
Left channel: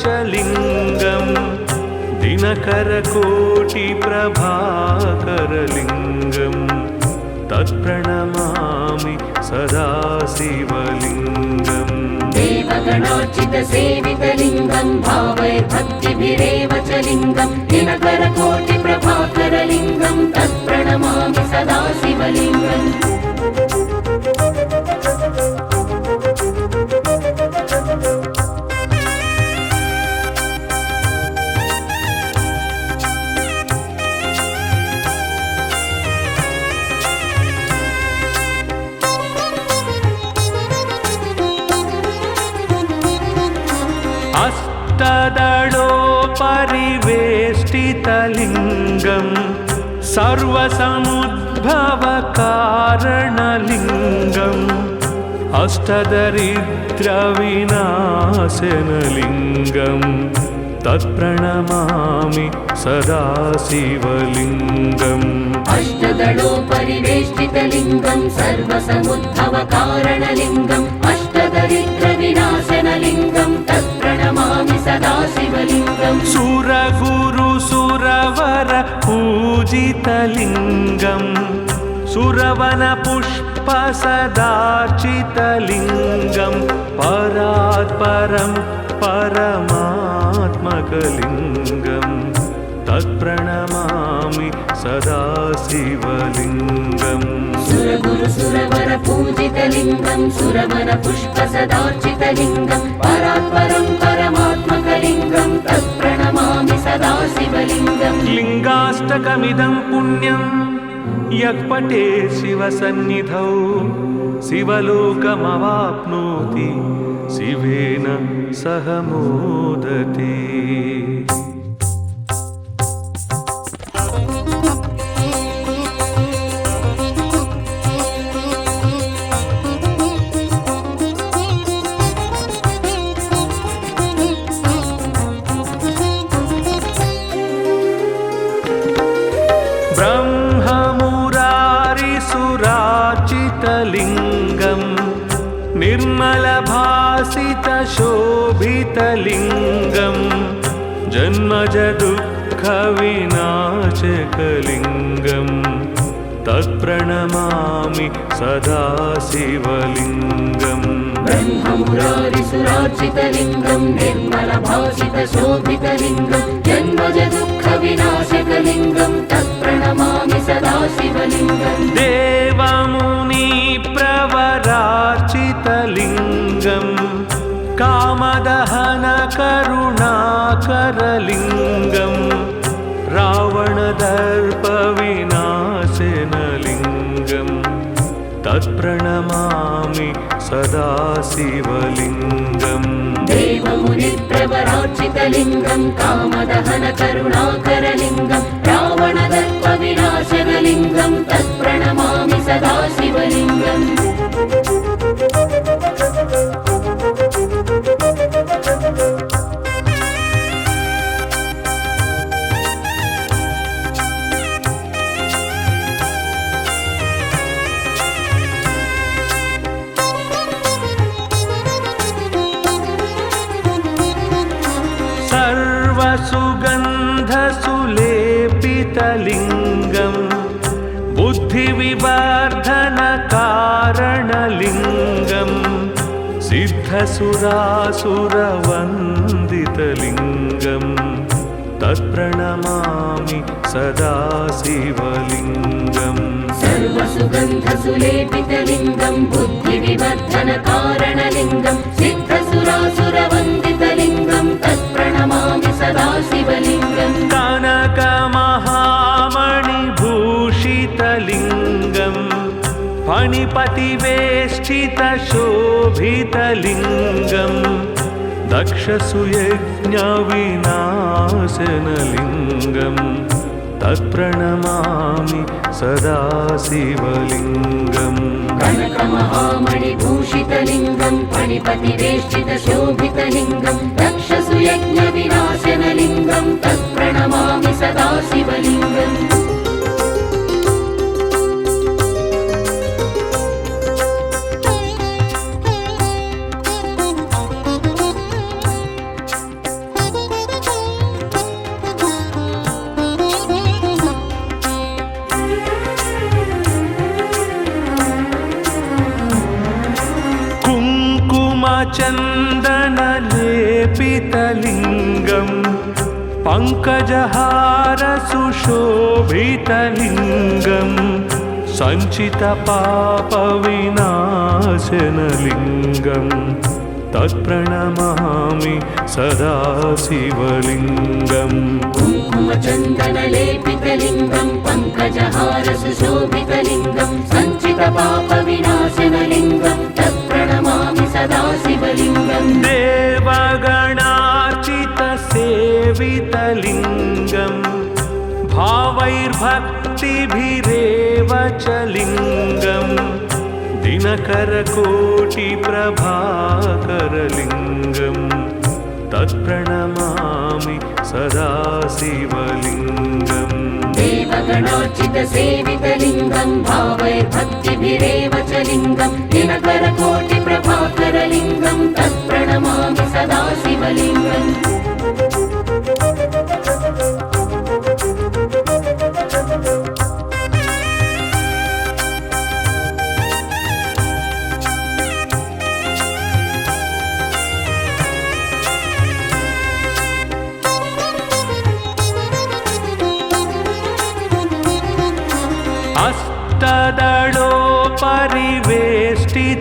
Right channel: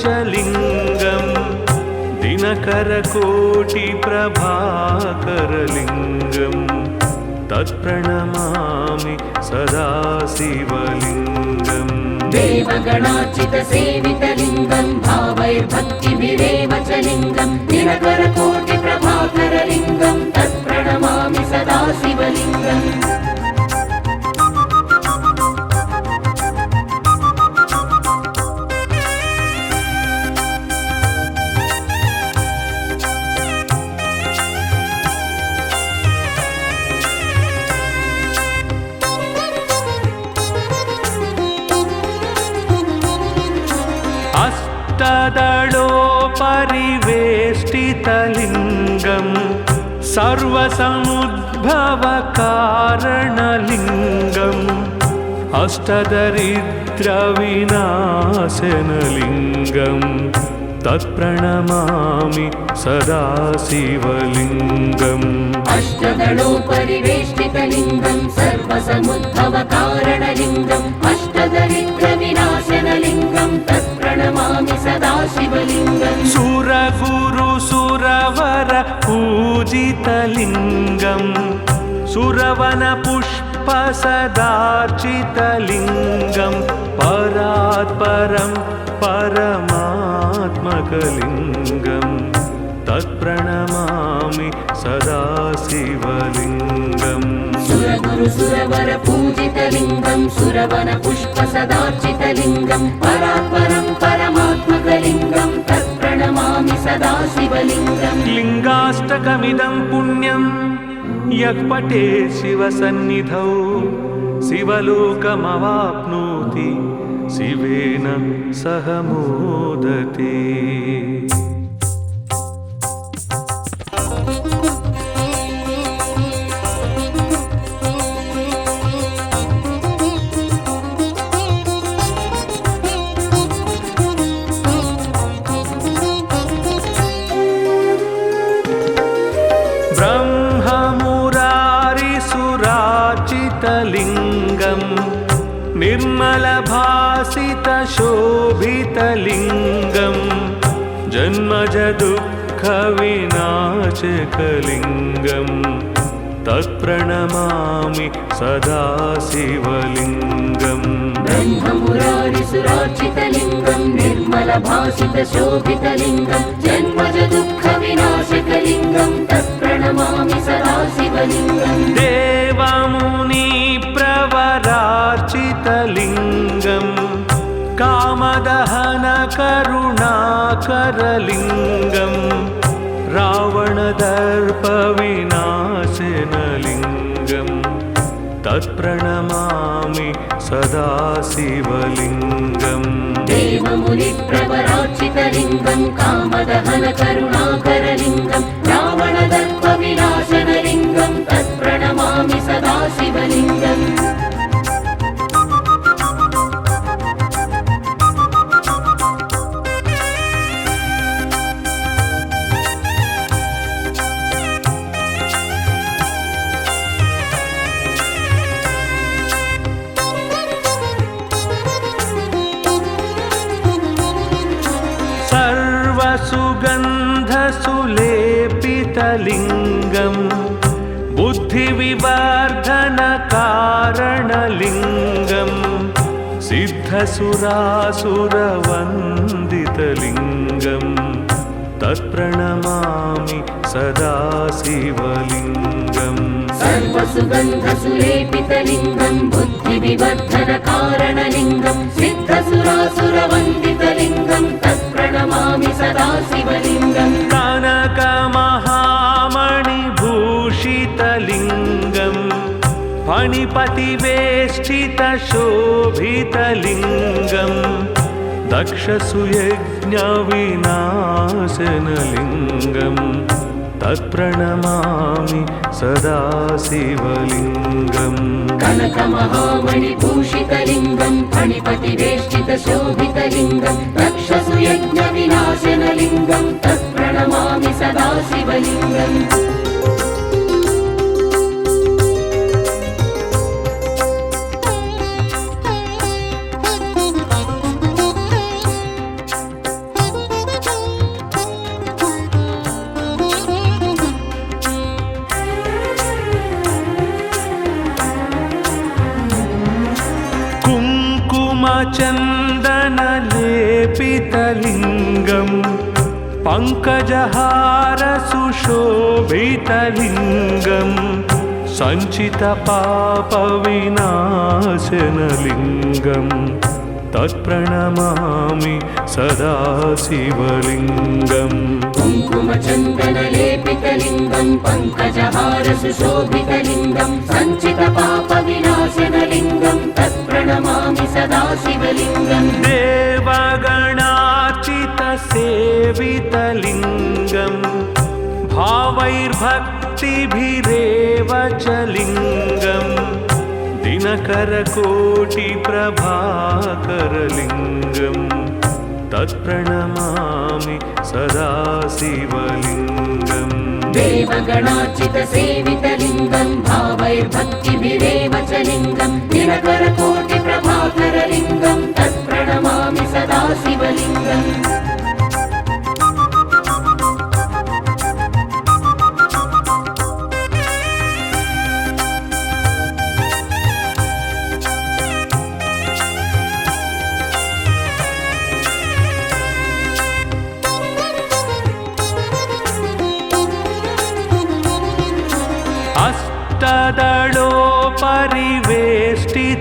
च लिङ्गं दिनकरकोटिप्रभाकरलिङ्गं तत्प्रणमामि सदा शिवलिङ्गम् देवगणार्चितसेवितलिङ्गं भावैर्भक्तिभिरेव च लिङ्गं दिनकरकोटिप्रभाकरलिङ्गं तत्प्रणमामि सदा शिवलिङ्गम् अष्टदलोपरिवेष्टितलिङ्गं सर्वसमुद्भवकारणलिङ्गम् अष्टदरिद्रविनाशनलिङ्गं तत्प्रणमामि सदा शिवलिङ्गम् अष्टदलोपरिवेष्टितलिङ्गं सर्वसमुद्भवकारणलिङ्गम् अष्टदरिद्रविनाशनलिङ्गं तत्प्रणमामि सदा शिवलिङ्गम् सुरगुरुसुरवर पूजितलिङ्गं सुरवनपुष्पसदार्चितलिङ्गं परात्परं परमात्मकलिङ्गं तत्प्रणमामि सदा शिवलिङ्गम् सुरगुरुसुरवर पूजितलिङ्गं सुरवनपुष्पसदार्चितलिङ्गं परात्परं परमात्मकलिङ्गं तत्प्रणमामि सदा शिवलिङ्गम् लिङ्गाष्टकमिदं पुण्यं यः पठेत् शिवसन्निधौ शिवलोकमवाप्नोति शिवेन सह मोदते। सुराचितलिङ्गम् निर्मलभासितशोभितलिङ्गम् जन्मजदुःखविनाशकलिङ्गम् तत्प्रणमामि सदा शिवलिङ्गम् ब्रह्ममुरारिसुरार्चितलिङ्गं निर्मलभासितशोभितलिङ्गं जन्मजदुःखविनाशकलिङ्गं तत्प्रणमामि सदा शिवलिङ्गम् देवमुनिप्रवरार्चितलिङ्गम् कामदहनकरुणाकरलिङ्गम् रावणदर्पविनाशनलिङ्गम् तत्प्रणमामि सदा शिवलिङ्गम् देवमुनिप्रवरार्चितलिङ्गं कामदहनकरुणाकरलिङ्गं रावणदर्पविनाशनलिङ्गं तत्प्रणमामि सदा शिवलिङ्गम् सर्वसुगन्धसुलेपितलिङ्गम् बुद्धिविवर्धनकारणलिङ्गम् सिद्धसुरासुरवन्दितलिङ्गम् तत्प्रणमामि सदा शिवलिङ्गम् सर्वसुगन्धसुलेपितलिङ्गं बुद्धिविवर्धनकारणलिङ्गं सिद्धसुरासुरवन्दितलिङ्गं तत्प्रणमामि सदा शिवलिङ्गम् कनकमहामणिभूषितलिङ्गम् फणिपतिवेष्टितशोभितलिङ्गम् दक्षसुयज्ञविनाशनलिङ्गम् तत्प्रणमामि सदा शिवलिङ्गम् कनकमहामणिभूषितलिङ्गं फणिपतिवेष्टितशोभितलिङ्गं दक्षसुयज्ञविनाशनलिङ्गं तत्प्रणमामि सदा शिवलिङ्गम् कुङ्कुमचन्दनलेपितलिङ्गम् पङ्कजहारसुशोभितलिङ्गम् सञ्चितपापविनाशनलिङ्गम् तत्प्रणमामि सदा शिवलिङ्गम् कुङ्कुमचन्दनलेपितलिङ्गं पङ्कजहारसुशोभितलिङ्गं सञ्चितपापविनाशनलिङ्गं तत्प्रणमामि सदा शिवलिङ्गम् देवगणार्चितसेवितलिङ्गम् भावैर्भक्तिभिरेव च लिङ्गम् दिनकरकोटिप्रभाकरलिङ्गम् तत्प्रणमामि सदा शिवलिङ्गम् देवगणार्चितसेवितलिङ्गं भावैर्भक्तिभिरेव च लिङ्गं दिनकरकोटिप्रभाकरलिङ्गं तत्प्रणमामि सदा शिवलिङ्गम्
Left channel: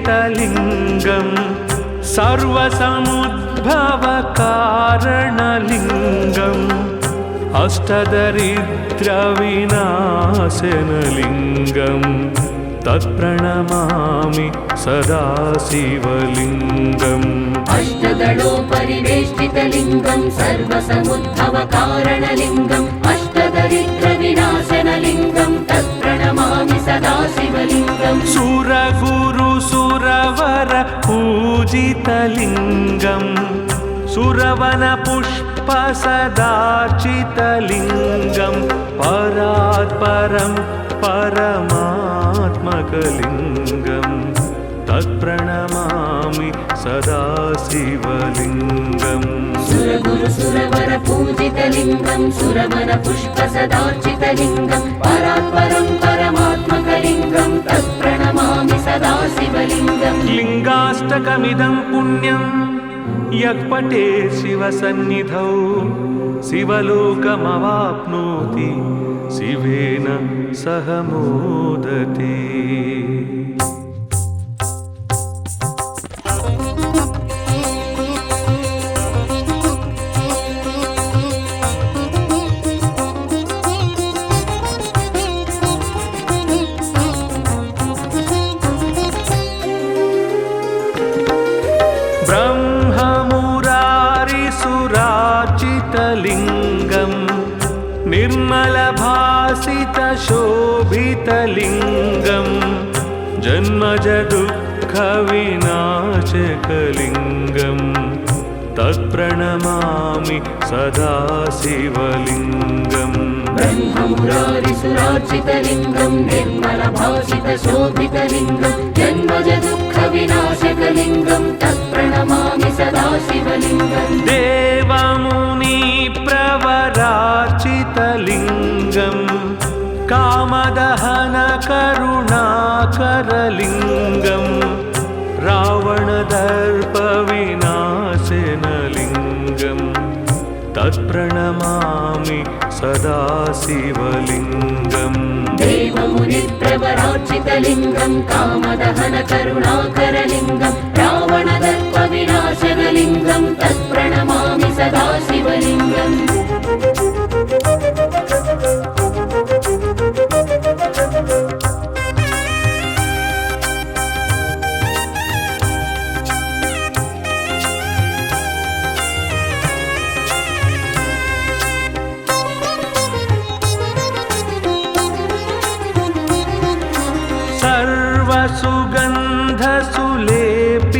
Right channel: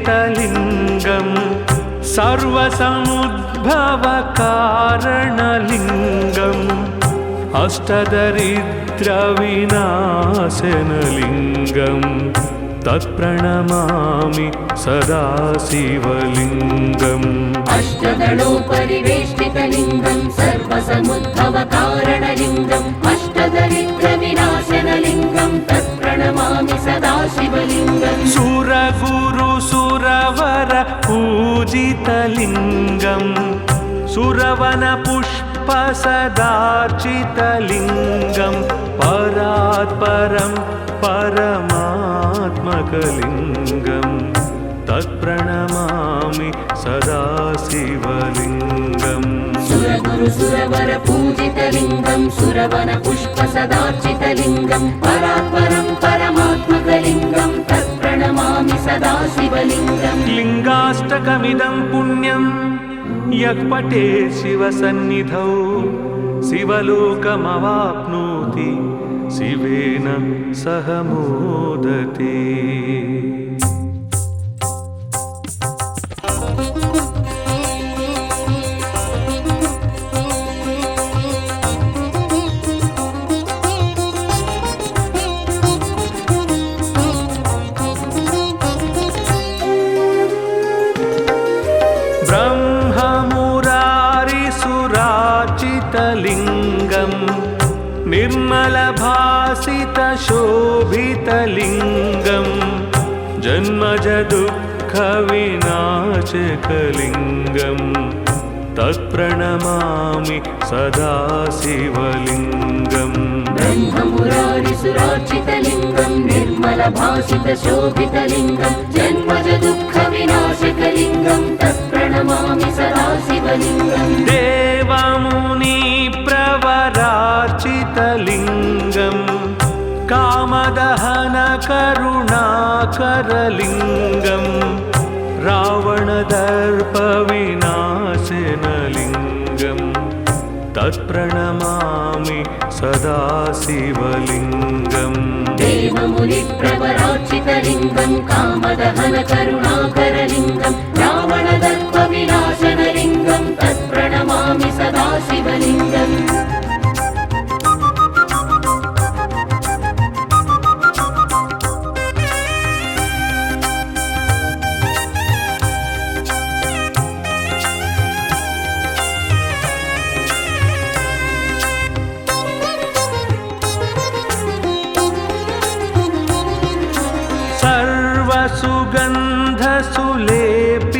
अष्टदलोपरिवेष्टितलिङ्गम् सर्वसमुद्भवकारणलिङ्गम् अष्टदरिद्रविनाशनलिङ्गम् तत्प्रणमामि सदा शिवलिङ्गम् अष्टदलोपरिवेष्टितलिङ्गं सर्वसमुद्भवकारणलिङ्गम् अष्टदरिद्रविनाशनलिङ्गं तत्प्रणमामि सदा शिवलिङ्गम् सुरगुरुसुरवर पूजितलिङ्गम् सुरवनपुष्पसदार्चितलिङ्गम् परात् परं परमात्मकलिङ्गं तत्प्रणमामि सदा शिवलिङ्गम् सुरगुरु सुरवर पूजितलिङ्गं सुरवन पुष्प सदार्चितलिङ्गं परात्परं परमात्मकलिङ्गं तत्प्रणमामि सदा शिवलिङ्गम् लिङ्गाष्टकमिदं पुण्यं यः पठेत् शिवसन्निधौ शिवलोकमवाप्नोति शिवेन सह मोदते। ब्रह्ममुरारिसुराचितलिङ्गं निर्मलभासितशोभितलिङ्गं जन्मजदुःखविनाशकलिङ्गं तत्प्रणमामि सदा शिवलिङ्गम् ब्रह्ममुरारिसुरार्चितलिङ्गं निर्मलभासितशोभितलिङ्गं जन्मजदुःखविनाशकलिङ्गं तत्प्रणमामि सदा शिवलिङ्गम् देवमुनिप्रवरार्चितलिङ्गं कामदहनकरुणाकरलिङ्गं रावणदर्पविनाशनलिङ्गं तत्प्रणमामि सदा शिवलिङ्गम् देवमुनिप्रवरार्चितलिङ्गं कामदहनकरुणाकरलिङ्गं रावणदर्पविनाशनलिङ्गं तत्प्रणमामि सदा शिवलिङ्गम्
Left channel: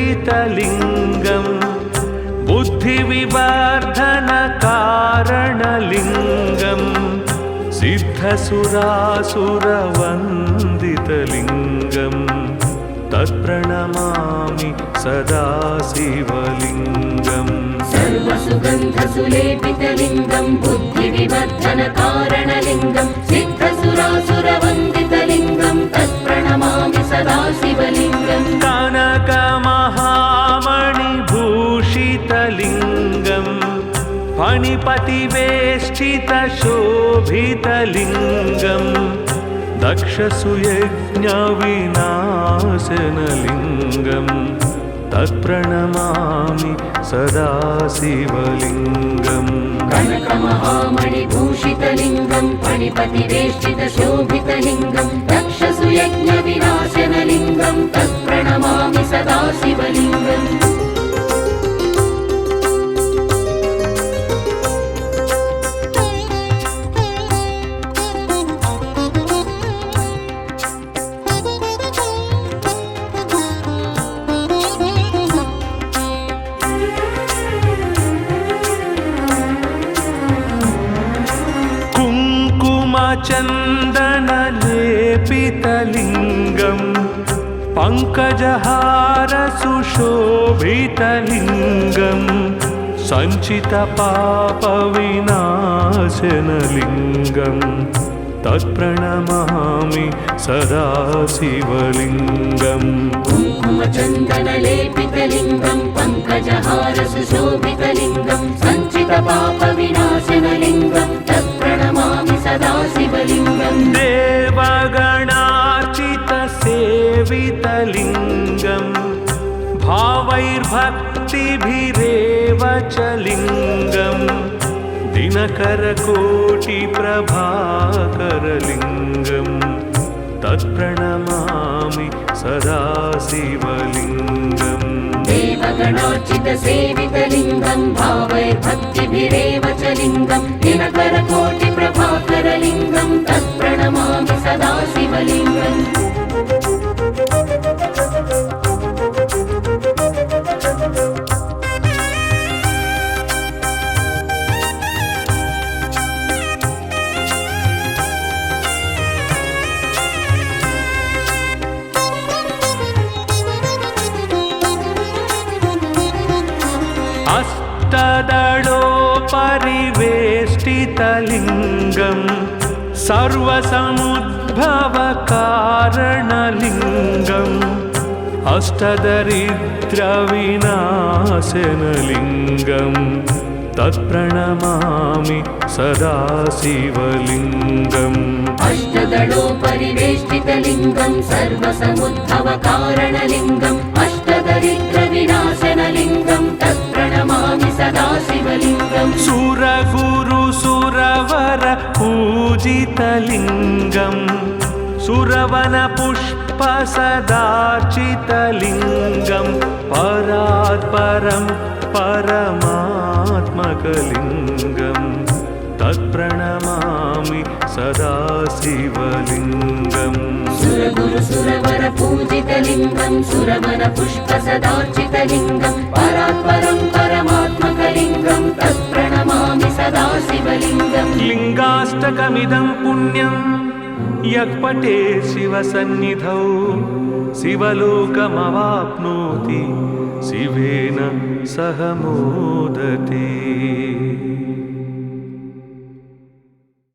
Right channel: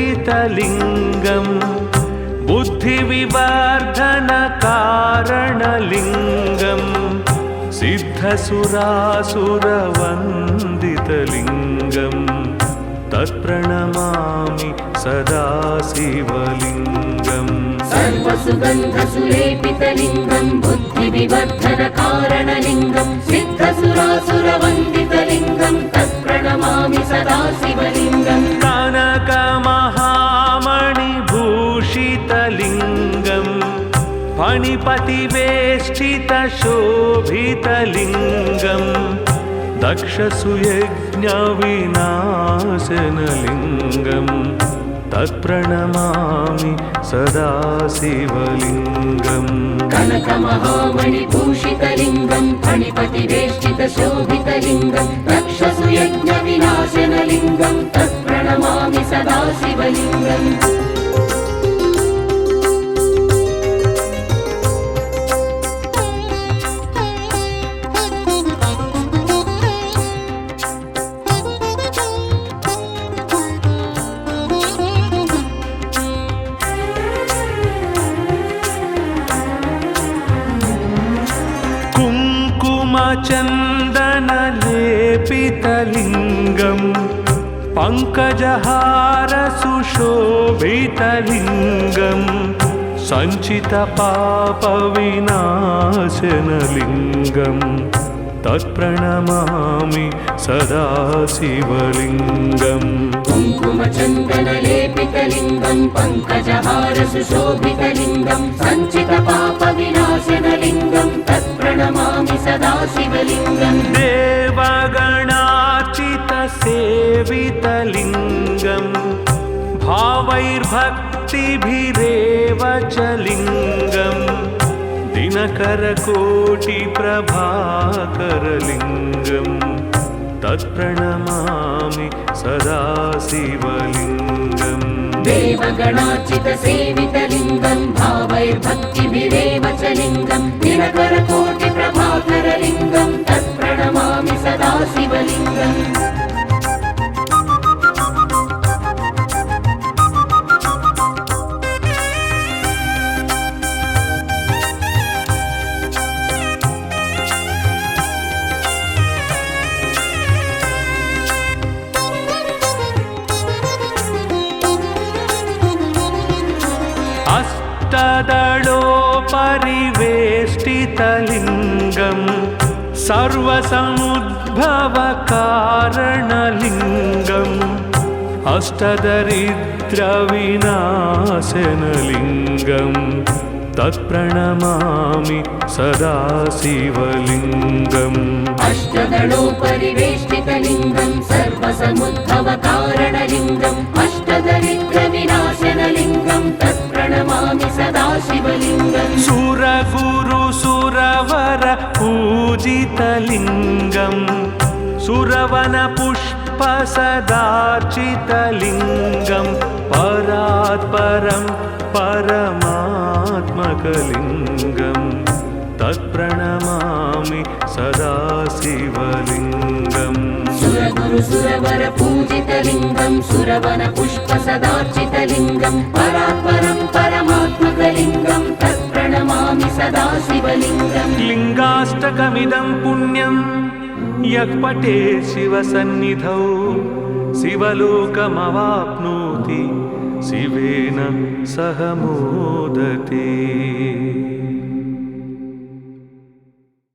सर्वसुगन्धसुलेपितलिङ्गं बुद्धिविवर्धनकारणलिङ्गं सिद्धसुरासुरवन्दितलिङ्गं तत्प्रणमामि सदा शिवलिङ्गम् सर्वसुगन्धसुलेपितलिङ्गं बुद्धिविवर्धनकारणलिङ्गं सिद्धसुरासुरवन्दितलिङ्गं तत्प्रणमामि सदा शिवलिङ्गम् कनकमहामणिभूषितलिङ्गं फणिपतिवेष्टितशोभितलिङ्गं दक्षसुयज्ञविनाशनलिङ्गं तत्प्रणमामि सदा शिवलिङ्गम् कनकमहामणिभूषितलिङ्गं फणिपतिवेष्टितशोभितलिङ्गं दक्षसुयज्ञविनाशनलिङ्गं तत्प्रणमामि सदा शिवलिङ्गम् कुङ्कुमचन्दनलेपितलिङ्गं पङ्कजहारसुशोभितलिङ्गं सञ्चितपापविनाशनलिङ्गं तत्प्रणमामि सदा शिवलिङ्गम् कुङ्कुमचन्दनलेपितलिङ्गं पङ्कजहारसुशोभितलिङ्गं सञ्चितपापविनाशनलिङ्गं तत्प्रणमामि सदा शिवलिङ्गम् देवगणार्चितसेवितलिङ्गं भावैर्भक्तिभिरेव च लिङ्गं दिनकरकोटिप्रभाकरलिङ्गं तत्प्रणमामि सदा शिवलिङ्गम् देवगणार्चितसेवितलिङ्गं भावैर्भक्तिभिरेव च लिङ्गं दिनकरकोटिप्रभाकरलिङ्गं तत्प्रणमामि सदा शिवलिङ्गम् परिवेष्टितलिङ्गं सर्वसमुद्भवकारणलिङ्गम् अष्टदरिद्रविनाशनलिङ्गं तत्प्रणमामि सदा शिवलिङ्गम् अष्टदलोपरिवेष्टितलिङ्गं सर्वसमुद्भवकारणलिङ्गम् अष्टदरिद्रविनाशनलिङ्गं तत्प्रणमामि सदा शिवलिङ्गम् सुरगुरुसुरवर पूजितलिङ्गं सुरवनपुष्पसदार्चितलिङ्गं परात्परं परमात्मकलिङ्गं तत्प्रणमामि सदा शिवलिङ्गम् सुरगुरुसुरवर पूजितलिङ्गं सुरवनपुष्पसदार्चितलिङ्गं परात्परं परमात्मकलिङ्गं तत्प्रणमामि सदा शिवलिङ्गम् लिङ्गाष्टकमिदं पुण्यं यः पठेत् शिवसन्निधौ शिवलोकमवाप्नोति शिवेन सह मोदते।